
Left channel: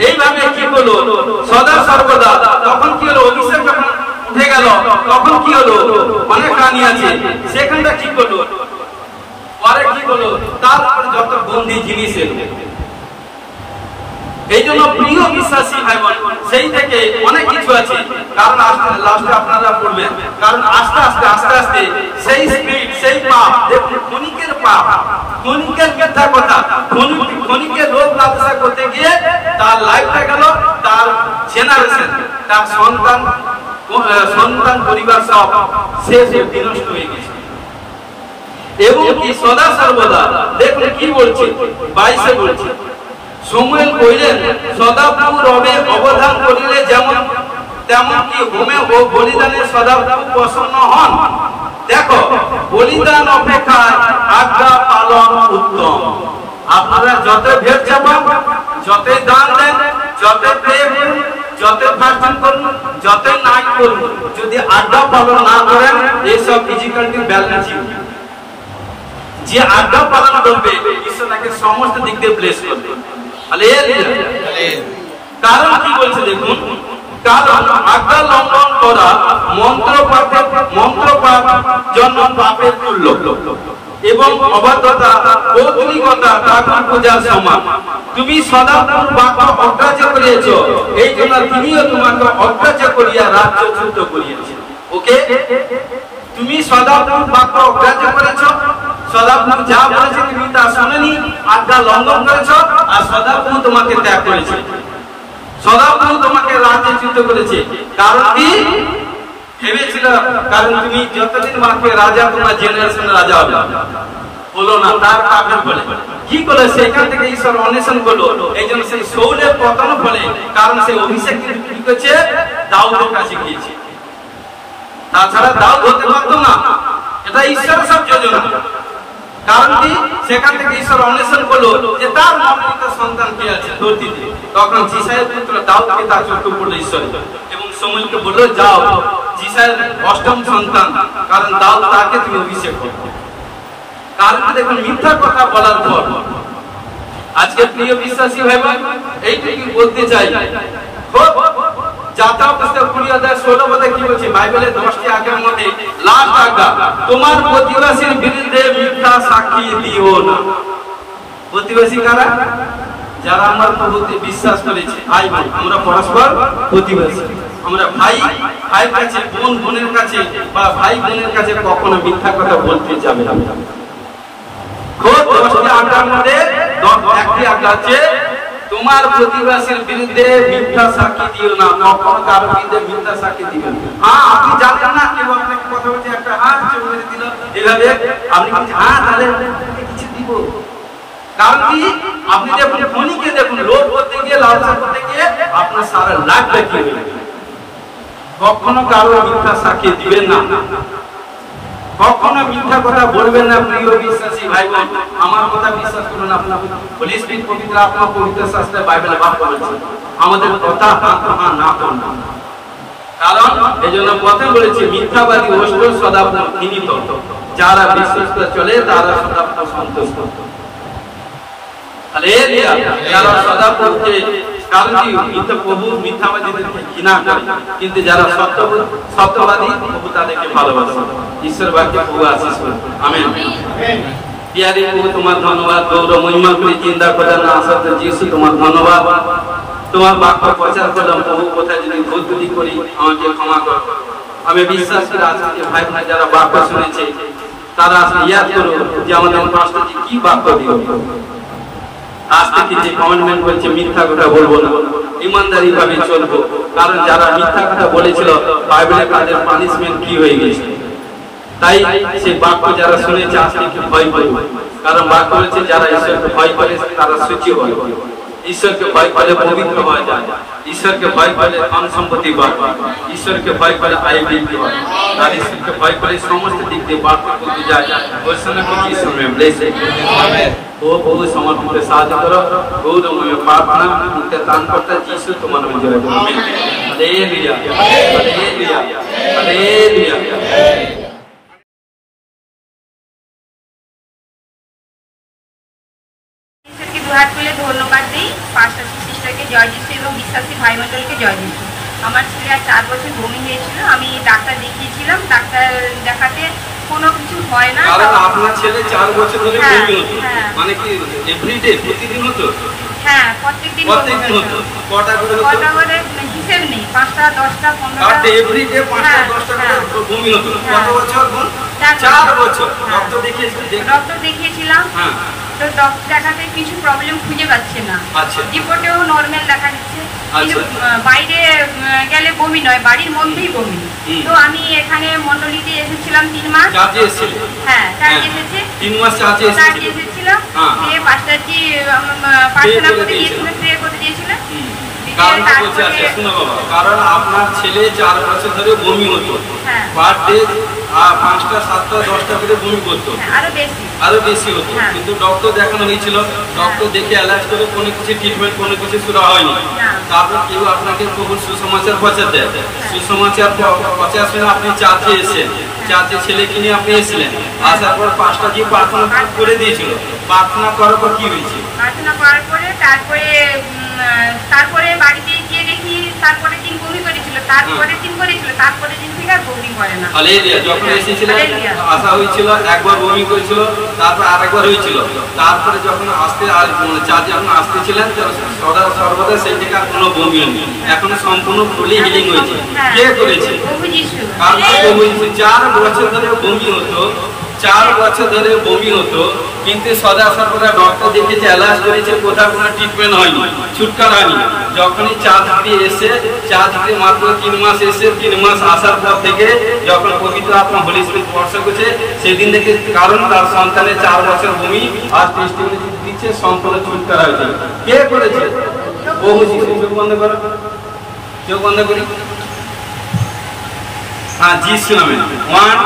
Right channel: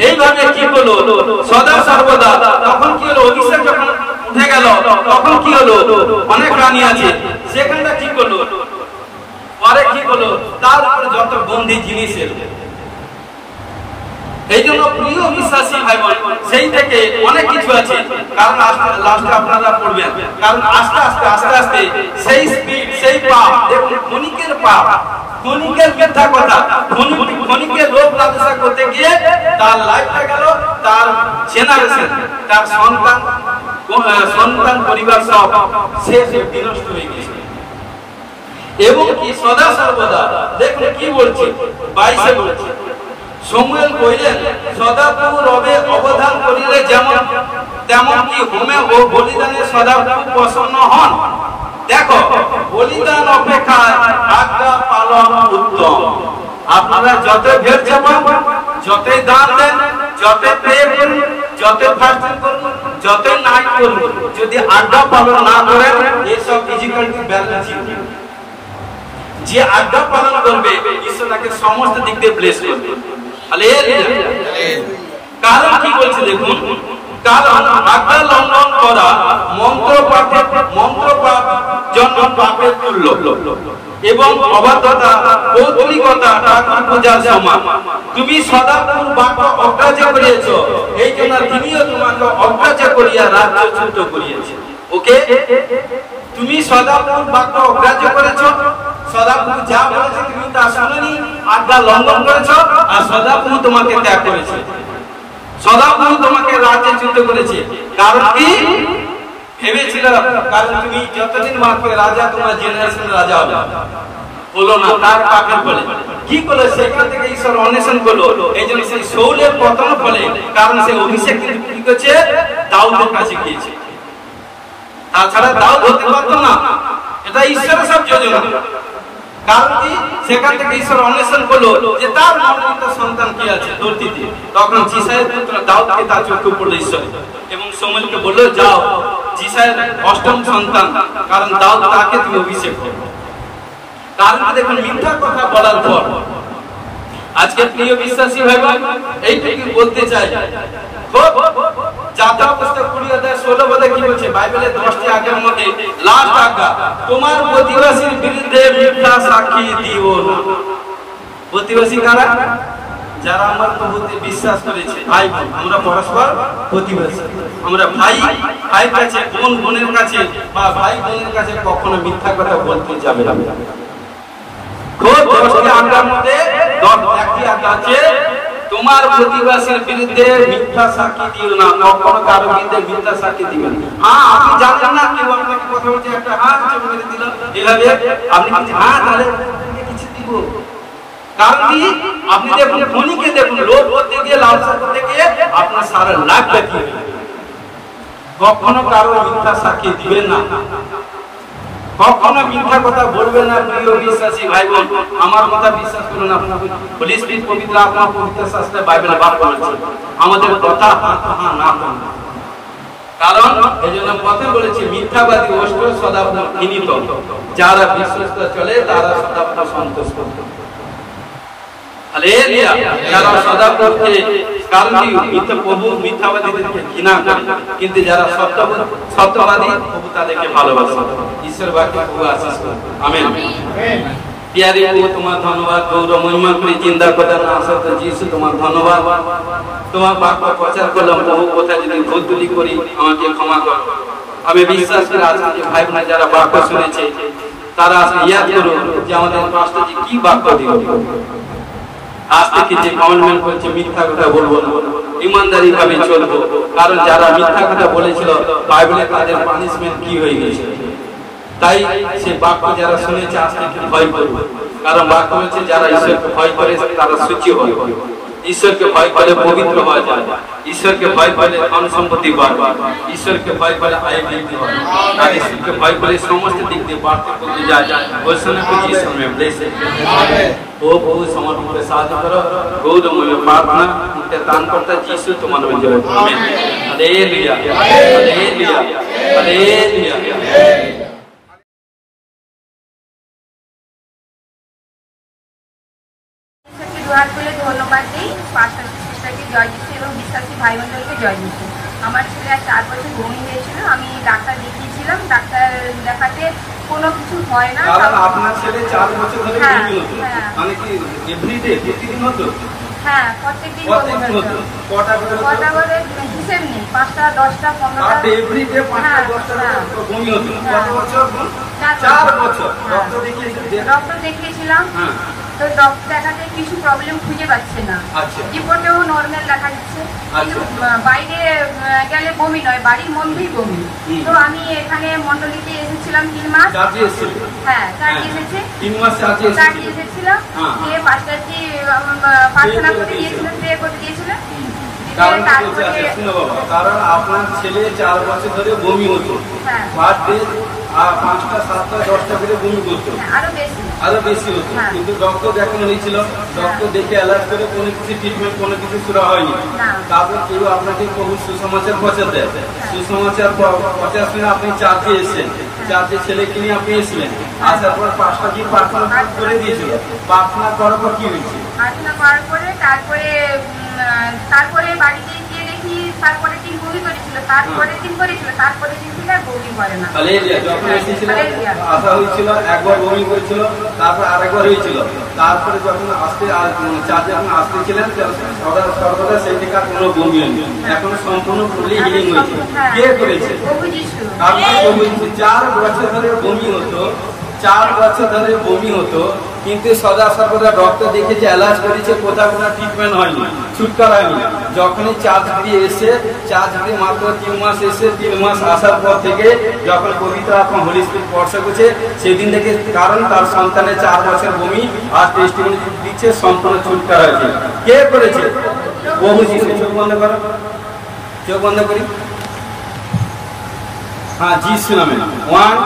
এইভাবে কি হলো, সদা সর্বদা। তখন কি হলো, অভিষেক যখন উঠে গেল, তখন কি হলো, অনেক রানী আছে, সেখানটা কি হলো, পরে কি হলো, তারপর যত বন্দী জিনিস এলো। এই জন্য প্রিয় বিশ্বাসী ভাই বোন, সেই থেকে অনেক কিছু আছে। কারণ লাস্টে আপনারা পড়বেন, কারণ আস্তে আস্তে সেই স্পিড, সেই পাপ, দেখুন ক্ষণিকের পাপ, ক্ষণিকের মিথ্যা কথা, ক্ষণিকের রোগ ব্যবসা করতে গিয়ে তার লাইফটা গেল, তার জেনারেশন, তার সন্তান পরিবার সব শেষ বিনষ্ট হয়ে গেছে। এবং কি সদা সর্বদা, দেখুন কি বলছে 22-এ বলছে, সমুয়েল কইলেন, সদাপ্রভু রবে অবধান করিলে যেমন তেমন কি হোমে ও বলিদানে সদাপ্রভু প্রসন্ন হন। দেখো, বলিদান অপেক্ষা আজ্ঞা পালন উত্তম। আপনারা যত ভেদ যাবেন, যতই দান দেন, যতই প্রেম করুন, যতই ভাষণ করুন, যতই নাই করুন, যদি আজ্ঞা পালন না করেন, এইসব ফিজিক্যাল ব্যালেন্স যে আজ্ঞা পালন করবে, ঈশ্বর তাকে সমস্ত দিক দিয়ে ব্লেস করবে। কারণ কি বলছে দেখুন, কারণ আজ্ঞা লঙ্ঘন করা মন্ত্র পাপ জন্য পাপের তুল্য, এবং অবাধ্যতা, পৌত্রিকতা ঠাকুর পূজার সমান। তুমি সদাপ্রভুর বাক্য অগ্রাহ্য করিয়েছ, এই জন্য তিনিও তোমাকে অগ্রাহ্য করিয়া রাজ্যচ্যুত করিয়েছে। ওকে, তুমি সদাপ্রভুর বাক্য অগ্রাহ্য করেছ, সদাপ্রভু যা বলেছে তুমি তা শুনেনি, আজ্ঞা লঙ্ঘন করেছ, আর সদাপ্রভু তোমাকে ত্যাগ করেছে, সদাপ্রভু তোমাকে রাজ্যচ্যুত করেছে। কারণ কি ভেবেছিল, কারণ তুমি যতদিন বাঁচবে রাজা, তোমার জেনারেশন রাজা হবে, হলো না, তার পাপের ফলে কি করে সেখান থেকে ঈশ্বর অন্বেষণ করলো। এই জন্য সেই শৌলের পতন ফলে, কারণ সে অভিষেক কি করছে, দাউদের কাছে গিয়েছে, তাছাড়া দাউদ হতে পারতো না। এটা ঈশ্বরের সব যোজনা। কারণ কি, সেখান থেকে ঈশ্বর অন্বেষণ করলো যে তার মনোনীত সন্তান কি আছে ধরতিতে। তখন জিসায়ের পুত্র দাউদকে তার চোখে পড়লো ঈশ্বর, এবং শমূয়েলকে বললো, যাও জিসায়ের অষ্টম সন্তান, কারণ দাউদ তাকে তুমি অভিষেক করো। কারণ দেখুন, মিথ্যা কথা বলার পর আজকে প্রিয় বিশ্বাসী ভাইরা, এইটুকু বলতে চাই, যাত্রা পুস্তক 20:16 কি বলছে, বাইবেলের 10টি আজ্ঞার মধ্যে লাস্ট আজ্ঞা, তোমার প্রতিবেশীর বিরুদ্ধে মিথ্যা সাক্ষী দিও না। প্রতিবেশী কারা? যারা আমার প্রভুতে বিশ্বাস করেছে, ভাই ভাই, আমরা পরস্পর প্রতিবেশী। আমরা ভাই ভাইয়ের কাছে, বোন বোনের কাছে, বা ভাই বোনের কাছে কখনো মিথ্যা কথা বলতে যাবে না। আজ্ঞার মধ্যে একটি আজ্ঞা আছে, তোমার প্রতিবেশীর বিরুদ্ধে মিথ্যা সাক্ষী দিও না, কখনো কারো বিরুদ্ধে মিথ্যা সাক্ষী দিও না। আপনি জানেন না, কেউ আপনাকে কথা বলছে, একটা হাত চলে দিল, এভাবে আপনি বলছেন, হ্যাঁ তাহলে কিছু দিব। কারণ কি, আপনি দেখুন খনিকে দেখুন, লোভ করতে গিয়ে, লালসা করতে গিয়ে আপনার সারা লাখটা কি হয়ে গেল। কখনো কারো মিথ্যা সাক্ষী দিবেন না, কখনো মিথ্যা কথা বলবেন না। প্রিয় বিশ্বাসী ভাই বোন, আমার কথা বিশ্বাস করুন, আপনার হোলি স্পিরিট পবিত্র আত্মা পবিত্র শাস্ত্রে বাইবেলে বাক্য বলছে, আমাদের কথা না করুন। কারণ এই জন্য পথে বলেছে, মিথ্যাবাদী অষ্টর সদাপ্রভু ঘৃণিত, যারা বিশ্বাস করে চলে তারা সদাপ্রভু সন্তুষ্ট। যারা সদাপ্রভুকে, কারণ প্রভু মিথ্যাবাদীদেরকে ঘৃণা করে, কিন্তু যারা সত্যবাদী প্রভু তাদেরকে ভালোবাসে। ঈশ্বর বাক্যে প্রভু আশীষ করুন, আমেন। প্রিয়ারে প্রভু, তোমার ধন্যবাদ, গৌরব মহিমা করে চিন্তা করার না আসাতে যিশু তোমার ধন্যবাদ। তোমার বাক্য প্রচার করলাম, প্রভু কোথায় যদি ভুল ত্রুটি করি আমাকে ক্ষমা করো। আমি বিশ্বাস করি আজকে যে ভাই বোনেরা যারা বাক্য শুনেছে, তারা আজকে ইয়াদ করুন যে আমাদের পাস্টরজি কি বাক্য দিল। আজ থেকে যে কমিটমেন্ট করছে, মিথ্যা কথা বলবো না, ইমানদারি ভাবে চলবো। কারণ যারা মিথ্যা কথা বলেছিল, বাইবেলে তাদের পানিশমেন্ট কি হয়ে গেছে। তাই সেই বাক্য যারা শুনেছে আজ থেকে ভয় করবে, কারণ বাক্য হচ্ছে যারা ঈশ্বরকে ভয় করে তারা সূচি হবে। ঈশ্বরকে ভয় করলে পবিত্র হওয়া যায়, ঈশ্বরকে ভয় করলে ধন সম্পত্তি বাড়বে, ঈশ্বরকে ভয় করলে আয় বৃদ্ধি হয়, আর ঈশ্বরকে ভয় করলে সমস্ত দিক দিয়ে বাড়তে করতে যায়। ঘোষণা করছি ঈশ্বর में ब्लेस है। वो बहुत समर्पण के साथ करो, गौर में प्रार्थना उनके दान करता यीशु तुम्हारे में जय। Hallelujah hallelujah hallelujah. দুহাত তুলে ধন্যবাদ দিই পাশাপাশি সিস্টারকে জয় যিশু এবং বিশ্বাসী ভাই মণ্ডলকে জয় যিশু। আমার ছেলে আর 4 বছর বমি হয়েছিল, আমি ডাক্তার দেখিয়েছিলাম, ডাক্তার দেখাতে কোনো কিছু হয় না। কারণ আপনার ছেলে 4 বছর ধরে বমি হতো, মানে কি এভরিডে প্রতিদিন হতো? হ্যাঁ, প্রত্যেকদিন হতো। কটা করে হিসেব নেই, 5টা 10টা 15টা আর এভরিডে 5টা 10টা করে বমি হতো। কত বছর? 4 বছর। ডক্টর দেখিয়েছিলাম, তো ডক্টর দেখাতে কিছু প্রবলেম খুঁজে পাচ্ছে না। রিপোর্টেও নরমাল দেখা যাচ্ছে, কিন্তু বাইরে গেলে বমি নয়, বাড়ির মধ্যেই বমি। তো আমি এখানে মন্ডলীতে এসেছিলাম 3 মাস। হ্যাঁ, চার্জে এসেছি 3 মাস চার্জে এসেছিলাম। দিয়ে পাস্টারজি প্রার্থনা করে দিয়েছিলেন, প্রে করে দিয়েছিলেন। কারণ আপনার ছেলে 4 বছর ধরে বমি হতো, পার ডে 5টা 7টা 10টা করে বমি করতো, আরো বেশি হতো। কিন্তু ডক্টর দেখানো হয়েছিল, ডক্টর দেখে অ্যালার্ট করে কোনো কিছু ট্রিটমেন্ট কোনো কিছু শুরু হয়নি। তারপর কেউ আপনাকে প্রভুর সুসমাচার পৌঁছে দেয়, সুসমাচার পৌঁছার সময় আপনি চার্জে এসেছেন, চার্জে ছেলেকে নিয়ে আপনি এসেছিলেন। আসার পর 5টা দিয়ে প্রার্থনা করে দিয়েছিল। প্রার্থনা করার পর কি হয়েছে? প্রার্থনা করার পরে তারপরে বাড়িতে গিয়ে দেখি তারপরে দিন বমি করেছিল, তারপরে দিন থেকে আর বমি করে না। হালেলুয়া। যখন এসেছিলেন আসা হয়েছিল, একবার বমি করেছিল, তারপর আরেকবার হয়েছিল। তারপরে যখন চার্জে যখন আসতেছিলেন সর্বদা সেই থেকে আর কোনো বমি হয়নি, এখন সম্পূর্ণ ফুলি হিলিং হয়েছে। কে করেছে? কারণ 4 বছর ধরে বমি হতো, 4 বছর ধরে বমি হতো, কিন্তু সদা সর্বদা ডক্টর দেখেছে, অ্যালার্ট করেছে, কোথাও কোনো ট্রিটমেন্ট হয়নি, ছুটকারা হয়নি। যখনই চার্জ দিয়ে এসে মাত্র 3 মাস এসে 3 মাস আসার পর থেকে যখন পবিত্র আত্মা হোলি স্পিরিট স্পর্শ করছে, সেদিন থেকে কারণ তার সন্তানের 4 বছর বমি আর টেস্টিমনি দিচ্ছে, সম্পূর্ণ ছুটকারা হয়েছে। কে করেছে? বহু শিশু। চোখ বন্ধ করো, চোখ বন্ধ করি। हाँ, जीसु नाम है। 1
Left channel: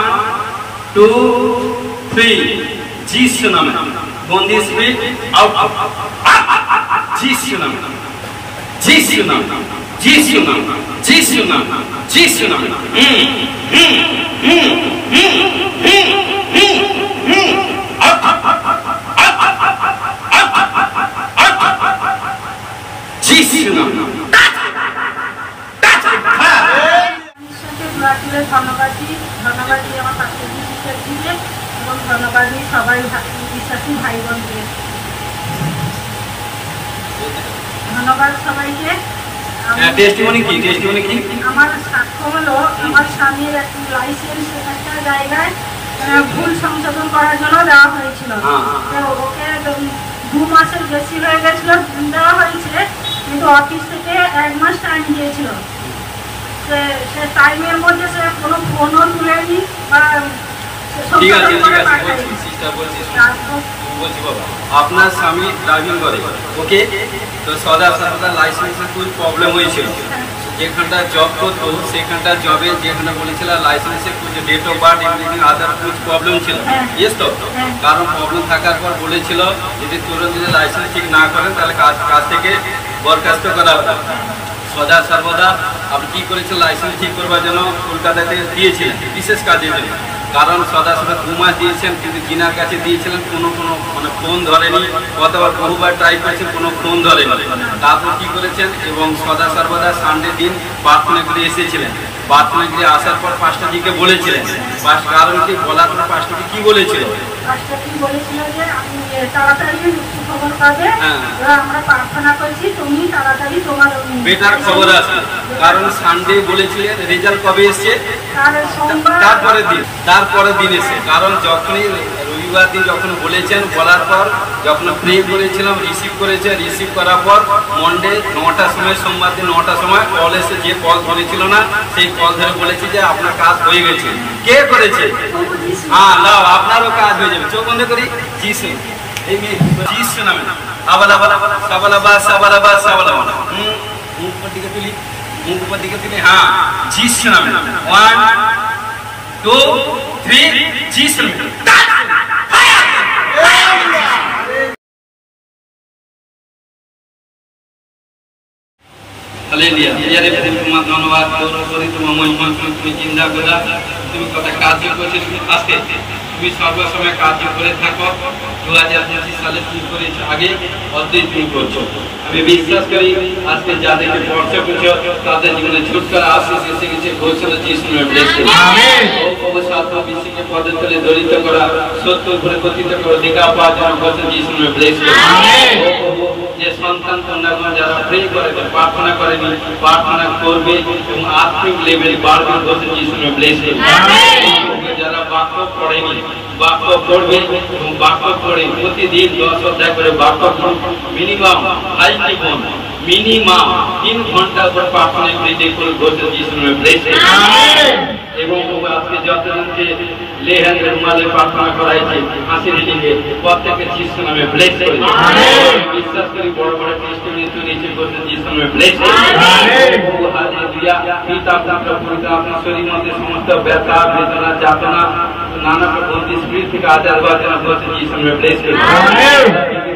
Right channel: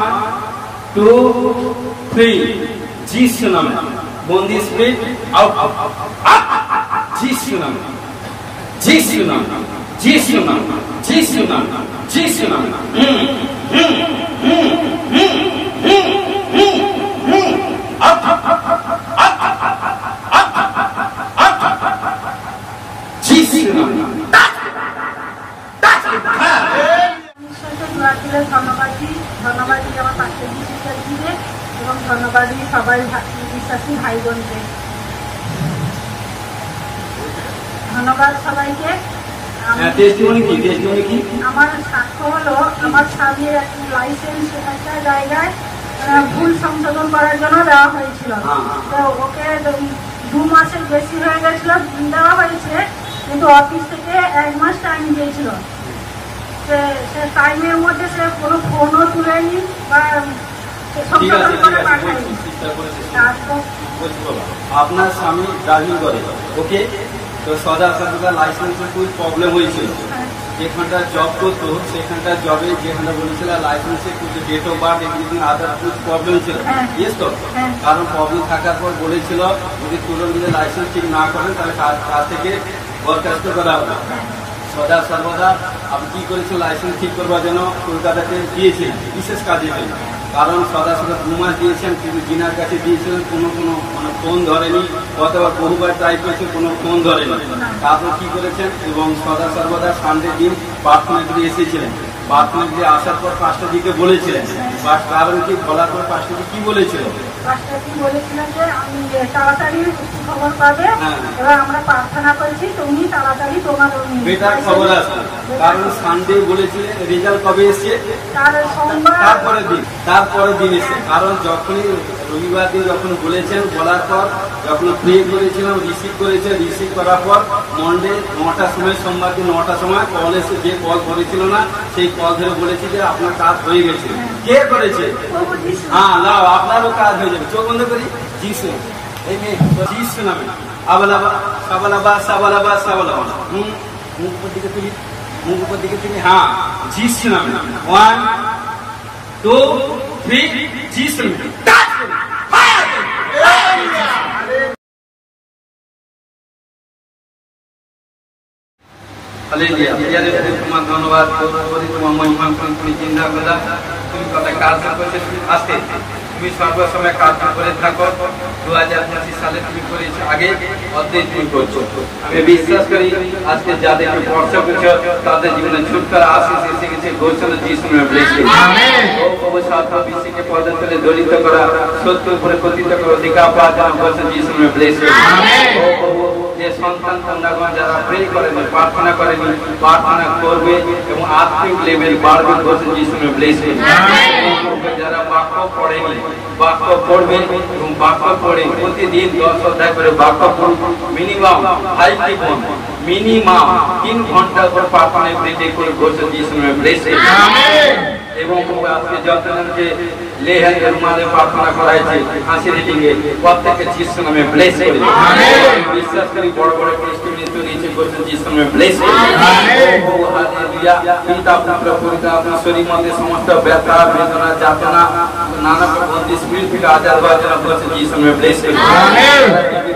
2 3 जीसु नाम है। बंदी स्पिरिट आउट, जीसु नाम, जीसु नाम, जीसु नाम, जीसु नाम, जीसु नाम। जीसु नाम। ধন্যবাদ দিই আমার পাশের সিস্টারজিকে এবং ধন্যবাদ দিই সবাই বিশ্বাসী ভাই বোনকে। ধন্যবাদ সবাইকে। আমার সাক্ষ্য হলো, আমার স্বামীর লাইসেন্স একটা জায়গায় ভুল সংশোধন করার জন্য দেওয়া হয়েছিল, তো ওকে 2 মাসের বেশি হয়ে গেছিল দেওয়া হয়েছে, কিন্তু অফিস থেকে 1 মাস টাইম দিয়েছিল। সে টাইমের মধ্যে সে কোনো ফোনও তুলেনি বা আপনার স্বামী ড্রাইভিং করে, ওকে, তো সর্বদা লাইসেন্সের খুব প্রবলেম হয়েছিল। যেখানটা জব করতো সেখানটা জবে যেখানে বলেছিল লাইসেন্সে কিছু date of birth everything other কুछ প্রবলেম ছিল। ইয়েস তো, কারণ প্রবলেম থাকার পর বলেছিল যদি তুরন্ত যদি লাইসেন্স ঠিক না করেন তাহলে কাজ থেকে বরখাস্ত করা হবে। সদা সর্বদা আপনি কি করেছিলেন? লাইসেন্স ঠিক করবার জন্য কলকাতাতে দিয়েছিলেন বিশেষ কাজের জন্য। কারণ সদা সর্বদা 2 মাস দিয়েছেন, কিন্তু যিনার কাছে দিয়েছিলেন কোনো মানে ফোন ধরেনি, কতবার বহুবার ট্রাই করেছেন, কোনো ফোন ধরেনি। তারপর কি করেছেন? এবং সদা সর্বদা সানডে দিন প্রার্থনা করে এসেছিলেন। প্রার্থনা করে আসার পর পাস্টারজিকে বলেছিলেন, কারণ কি বলার পর পাস্টারজি কি বলেছিলেন? যে আমি তাড়াতাড়ি খবর পাবে, আমরা প্রার্থনা করছি, তুমি তাড়াতাড়ি তোমার বেটার খবর আসবে। কারণ সানডে বলেছিলেন, রেজাল্ট কবে এসছে? তারপরে দিন এসে। কারণ যখনই রবিবার দিন যখন বলেছেন, বলার পর যখন প্রে করেছিলাম, রিসিভ করার পর মন্ডে 9টার সময়, সোমবার দিন 9টার সময় কল এসে, যে কল ধরেছিল না সেই কল ধরে বলেছি যে আপনার কাজ হয়ে গেছে। কে করেছে? হ্যাঁ, নাও আপনারও কাজ হয়ে যাবে। চোখ বন্ধ করি। যিশু, এই মেয়ে যিশু নামে আবালাবা সাবালাবা সাবালাবা সাবালাবা মুখ উপর দিকে তুলি মুখ উপর দিকে তুলি হ্যাঁ যিশু নামে 1 2 3 যিশু নামে হালেলুয়া ইয়ারে তোমার ধন্যবাদ করি তোমার মহিমা তুমি চিন্তা করলা তুমি কত কাজ করছো আজকে তুমি সর্বসময় কাজ করে থাকো 2025 সালে কি করেছো আগে অদ্ভুত কি করছো আমি বিশ্বাস করি আজকে যাদেরকে পড়ছো বুঝছো তাদের জীবনে ছুটকারা আশীষ এসে গেছে ঘোষণা যিশুর নামে ব্লেস আমেন ও সার্ব বিশ্বকে পদের তলে দলিত করা সত্য উপরে কথিত করো অধিকার পাওয়ার জন্য ঘোষণা যিশুর নামে ব্লেস আমেন ও যে সন্তান কন্যাগণ যারা প্রে করে প্রার্থনা করেনি প্রার্থনা করবে এবং আত্মিক লেভেল বাড়বে ঘোষণা যিশুর নামে ব্লেস আমেন যারা বাক্য পড়েনি বাক্য পড়বে এবং বাক্য পড়ে প্রতিদিন 10 অধ্যায় করে বাক্য মিনিমাম 5 জীবন মিনিমাম 3 ঘন্টা করে প্রার্থনায় প্রেজে করে ঘোষণা যিশুর নামে ব্লেস আমেন এবং আজকে যতজনকে লেহেঙ্গের মাঝে প্রার্থনা করা হয়েছে হাসি রিডিং এ প্রত্যেককে যিশুর নামে ব্লেস করে আমেন বিশ্বাস করি বড় বড় টেস্টিমনি তুলেছে ঘোষণা যিশুর নামে ব্লেস আমেন ও হালেলুয়া পিতা পুত্র পবিত্র আপনার শরীর মধ্যে সমস্ত ব্যথা বেদনা যাতনা নানা বন্দি স্পিরিট থেকে আজাদ হওয়ার জন্য ঘোষণা যিশুর নামে ব্লেস করে আমেন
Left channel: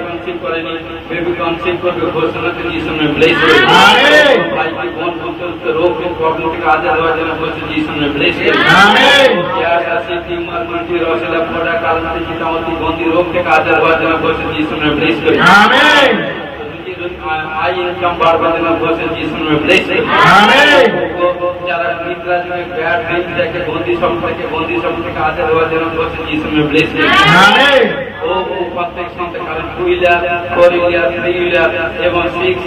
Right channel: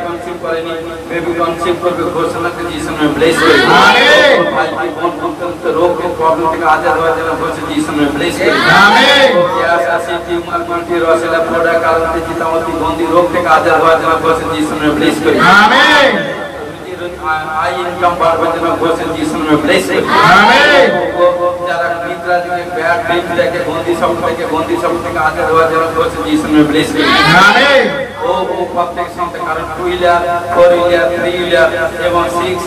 কনসিভ করেনি বেবি কনসিভ করবে ঘোষণা যিশুর নামে ব্লেস করে আমেন ভাই বোন অত্যন্ত রোগ এবং প্রবলেম থেকে আজাদ হওয়ার জন্য ঘোষণা যিশুর নামে ব্লেস করে আমেন আশা টিমার মানকে রসেলা পড়া কালতে চিতামতি বন্দি রোগ থেকে আজাদ হওয়ার জন্য ঘোষণা যিশুর নামে ব্লেস করে আমেন আই ইনকাম বাড়ার জন্য ঘোষণা যিশুর নামে ব্লেস করে আমেন যারা নিদ্রা থেকে ব্যাড ড্রিম থেকে বন্দি সব থেকে আজাদ হওয়ার জন্য ঘোষণা যিশুর নামে ব্লেস করে আমেন ও প্রত্যেক সন্তান কারণ 2 হুইলার 4 হুইলার 3 হুইলার এবং 6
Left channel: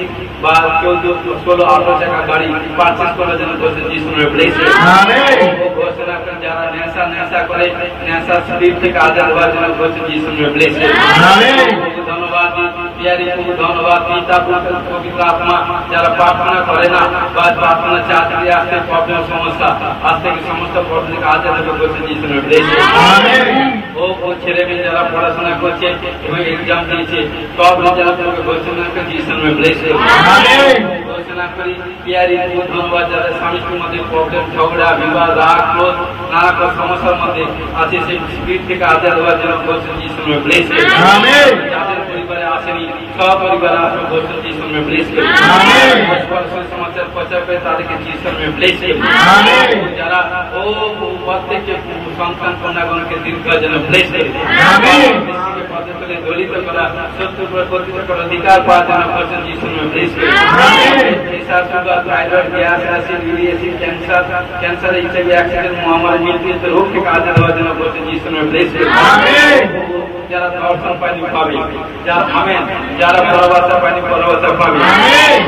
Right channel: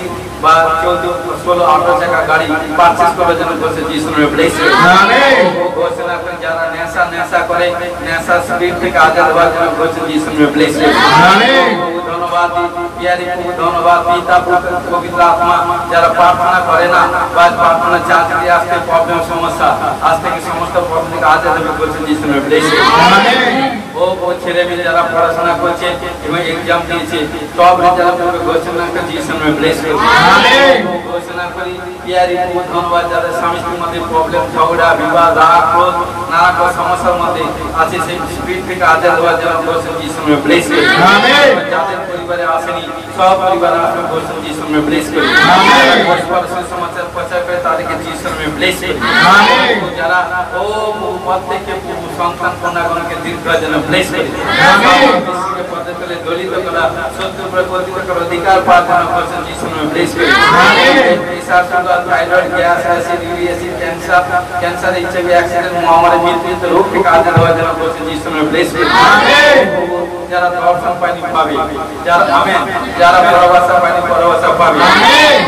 বা 14 16 18 চাকা গাড়ি পারচেজ করার জন্য ঘোষণা যিশুর নামে ব্লেস করে আমেন ও ঘোষণা করে যারা নেশা করে নেশা স্পিরিট থেকে আজাদ হওয়ার জন্য ঘোষণা যিশুর নামে ব্লেস করে আমেন ধন্যবাদ প্রিয়ারি ধন্যবাদ পিতা পুত্র পবিত্র আত্মা যারা প্রার্থনা করে না বা প্রার্থনা চাকরি আসতে প্রবলেম সমস্যা আজ থেকে সমস্ত প্রবলেম থেকে আজাদ হবে ঘোষণা যিশুর নামে ব্লেস করে আমেন ও ছেলে মেয়ে যারা পড়াশোনা করছে এবং এক্সাম দিয়েছে সব রেজাল্ট হবে ঘোষণা করে যিশুর নামে ব্লেস করে আমেন ঘোষণা করি প্রিয়ারি ধন্যবাদ যারা স্বামী স্ত্রীর মধ্যে প্রবলেম ঝগড়া বিবাদ রাগ ক্রোধ নানা সমস্যার মধ্যে আছে সেই স্পিরিট থেকে আজাদ হওয়ার জন্য ঘোষণা যিশুর নামে ব্লেস করে আমেন যাদের পরিবারে আসেনি সব পরিবারে আসবে ঘোষণা যিশুর নামে ব্লেস করে আমেন সমাচার প্রচার করে তাদেরকে যিশুর নামে ব্লেস করে আমেন যারা ও প্রত্যেককে সন্তান কন্যাগণকে দীর্ঘায়ু যেন ব্লেস করে আমেন বিশ্বকে পদতলে দলিত করা সত্য প্রকৃতির অধিকার পাওয়ার জন্য ঘোষণা যিশুর নামে ব্লেস করে amen pressure sugar thyroid gas acid uric acid cancer HIV accident মহামারী মৃত্যু রোগ থেকে আজাদ হওয়ার জন্য ঘোষণা যিশুর নামে ব্লেস করে আমেন যারা দর্শন পায়নি পাবে যারা আমেন যারা ভালোবাসা পায়নি ভালোবাসা পাবে আমেন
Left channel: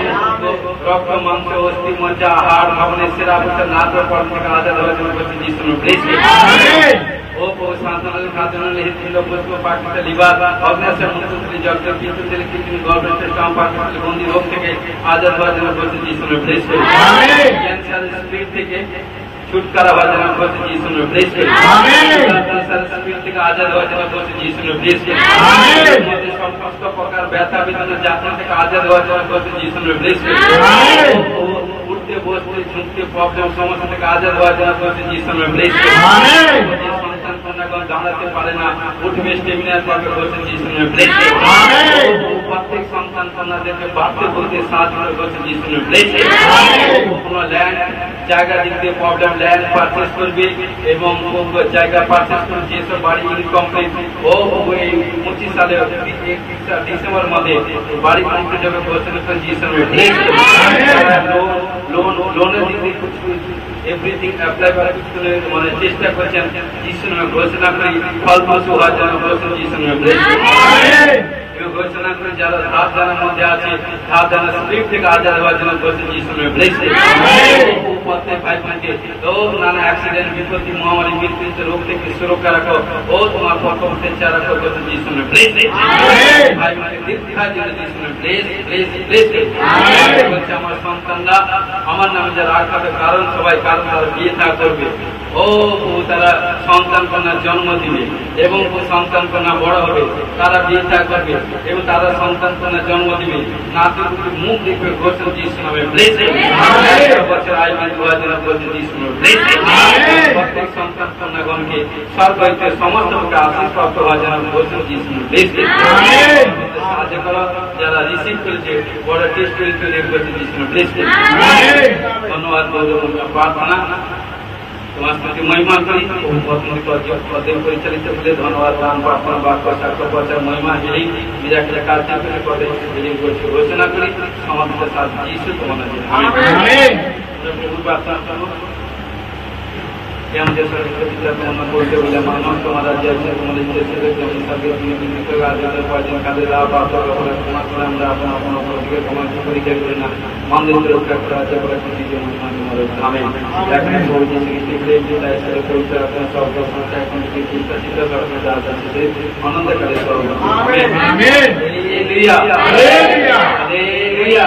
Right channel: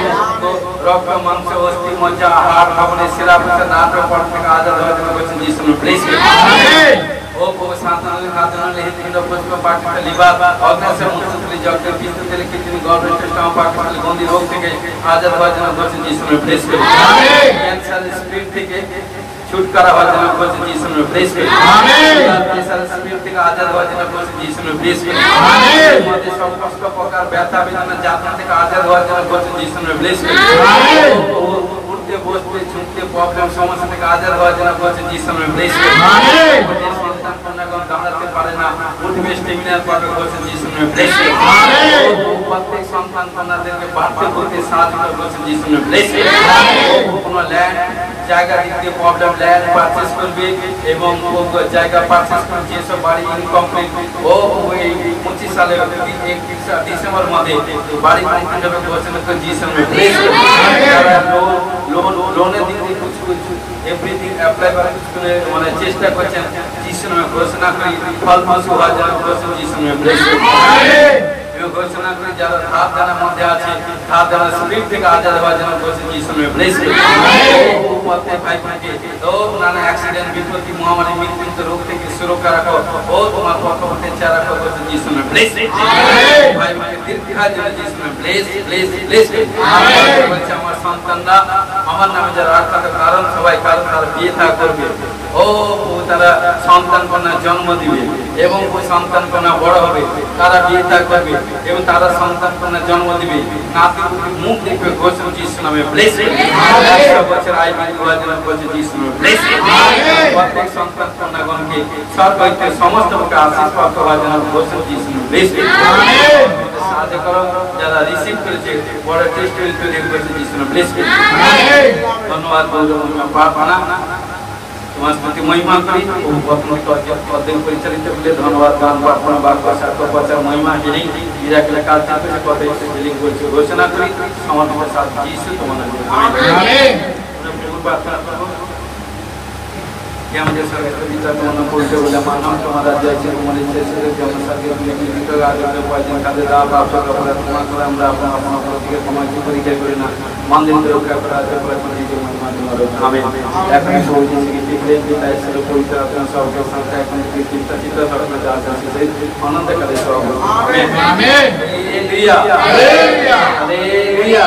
তো রক্ত মাংস অস্থি মজ্জা হাড় ভাবনা শিরা প্রশাসন নাটক পড়ন থেকে আজাদ হওয়ার জন্য ঘোষণা যিশুর নামে ব্লেস করে আমেন ও সাধারণ সাধারণ হিন্দু বস্ত্র পাকিস্তান লিবার অগ্নাশে মুক্তি জগতের বিদ্যুতের কিডনি গভর্নমেন্ট সিস্টেম পাকিস্তান বন্দি রোগ থেকে আজাদ হওয়ার জন্য ঘোষণা যিশুর নামে ব্লেস করে আমেন ক্যান্সার স্পিরিট থেকে छुटकारा हवा जना कोसे जीसस ने ब्लेस करे आमेन प्रेशर स्पिरिट থেকে আজাদ হওয়ার জন্য কোसे जीसस ने ब्लेस करे आमेन আমাদের সমস্ত প্রকার ব্যথা বেদনা যাতনা থেকে আজাদ হওয়ার জন্য কোसे जीसस ने ब्लेस करे आमेन উঠতে বসতে ঝুঁকতে প্রবলেম সমস্যা থেকে আজাদ হওয়ার জন্য কোसे जीसस ने ब्लेस करे आमेन সন্তান কন্যাগণ দাঁড়াতে পারে না উঠবে স্টেমিনার পাবে কোसे जीसस ने ब्लेस करे आमेन প্রত্যেক সন্তান কন্যাদেরকে বাড়তে করতে সাহায্য করে কোसे जीसस ने ब्लेस करे आमेন কোনো ল্যান্ড জায়গা দিতে প্রবলেম ল্যান্ড পারচেজ করবে এবং জায়গা পারচেজ করে যেসব বাড়ি ইনকমপ্লিট ও এই 25 সালে 31 ডিসেম্বর মধ্যে বাড়ি কমপ্লিট হবে ঘোষণা করে जीसस ने ब्लेस करे লোনের দিকে কিছু এভরিথিং অ্যাপ্লাই করে কিছু মানে চেষ্টা করছেন जीसस ने ঘোষণা করে ফল ফসল হওয়ার জন্য ঘোষণা जीसस ने ब्लेस करे আমেন ঘোষণা করে যারা ধার দেনার মধ্যে আছে ধার দেনার স্পিরিট থেকে আজাদ হওয়ার জন্য ঘোষণা जीसस ने ब्लेस करे আমেন প্রত্যেক ভাই বোনকে ও নানা অ্যাক্সিডেন্ট বিপত্তি মহামারী মৃত্যু রোগ থেকে সুরক্ষা রাখো ও তোমার পক্ষে চারা রাখো ঘোষণা जीसस ने ब्लेस करे আমেন ভাই বোনকে দীর্ঘায়ু জীবন जीसस ने ब्लेस करे আমেন আমার সন্তানরা আমার নামে যারা রাখবে, কারণ সবাই কারণ তারা বিয়ে তা করবে, ও তারা সন্তান কন্যা জন্ম দিবে এবং সন্তান কন্যা বড় হবে, তারা বিয়ে তা করবে এবং তারা সন্তান কন্যা জন্ম দিবে, নাতি মুখ দেখবে গোসল যিশু নামে ব্লেসিং, 100 বছর আয়ু দোয়ার জন্য গোসল যিশু নামে ব্লেসিং, প্রত্যেক সন্তান কন্যাগণকে সর্বৈতে সমস্ত প্রকার আশীষ প্রাপ্ত হওয়ার জন্য গোসল যিশু নামে ব্লেসিং। সাহায্য করো যারা রিসিভ করেছে বড় টেস্ট করে গোসল যিশু নামে ব্লেসিং। ধন্যবাদ প্রার্থনা তোমার স্তুতি মহিমা করি, অধ্যয়ন পরিচালিত বলে ধন্যবাদ প্রার্থনা বাক্য সার্থক বছর মহিমা এই বিরাটের কাজ থেকে পদে ঘোষণা করি সমর্থিত সাথে যিশু তোমার প্রার্থনা করো। আমাদের সরস্বতী পিতা তোমার বলতে বলে মানব তোমার রাজ্য আছে, তোমার ইচ্ছে ছিল যেমন সর্বে তুমি জীবিত আজকে ভজন কাজে দাও প্রাপ্ত করলে তোমার কোরআন দাও আপন প্রতিকে তোমার পরিচয় করি না মন্দির রক্ষা করা আছে বলে তুমি জন্য আমেন। এখন বলছি কি পিতা ঈশ্বরের পবিত্র আপনার সব সাথে এখন কি চিন্তা চিত্র সরকার দাস আছে সেই আনন্দ করে সব amen amen. Hallelujah hallelujah hallelujah.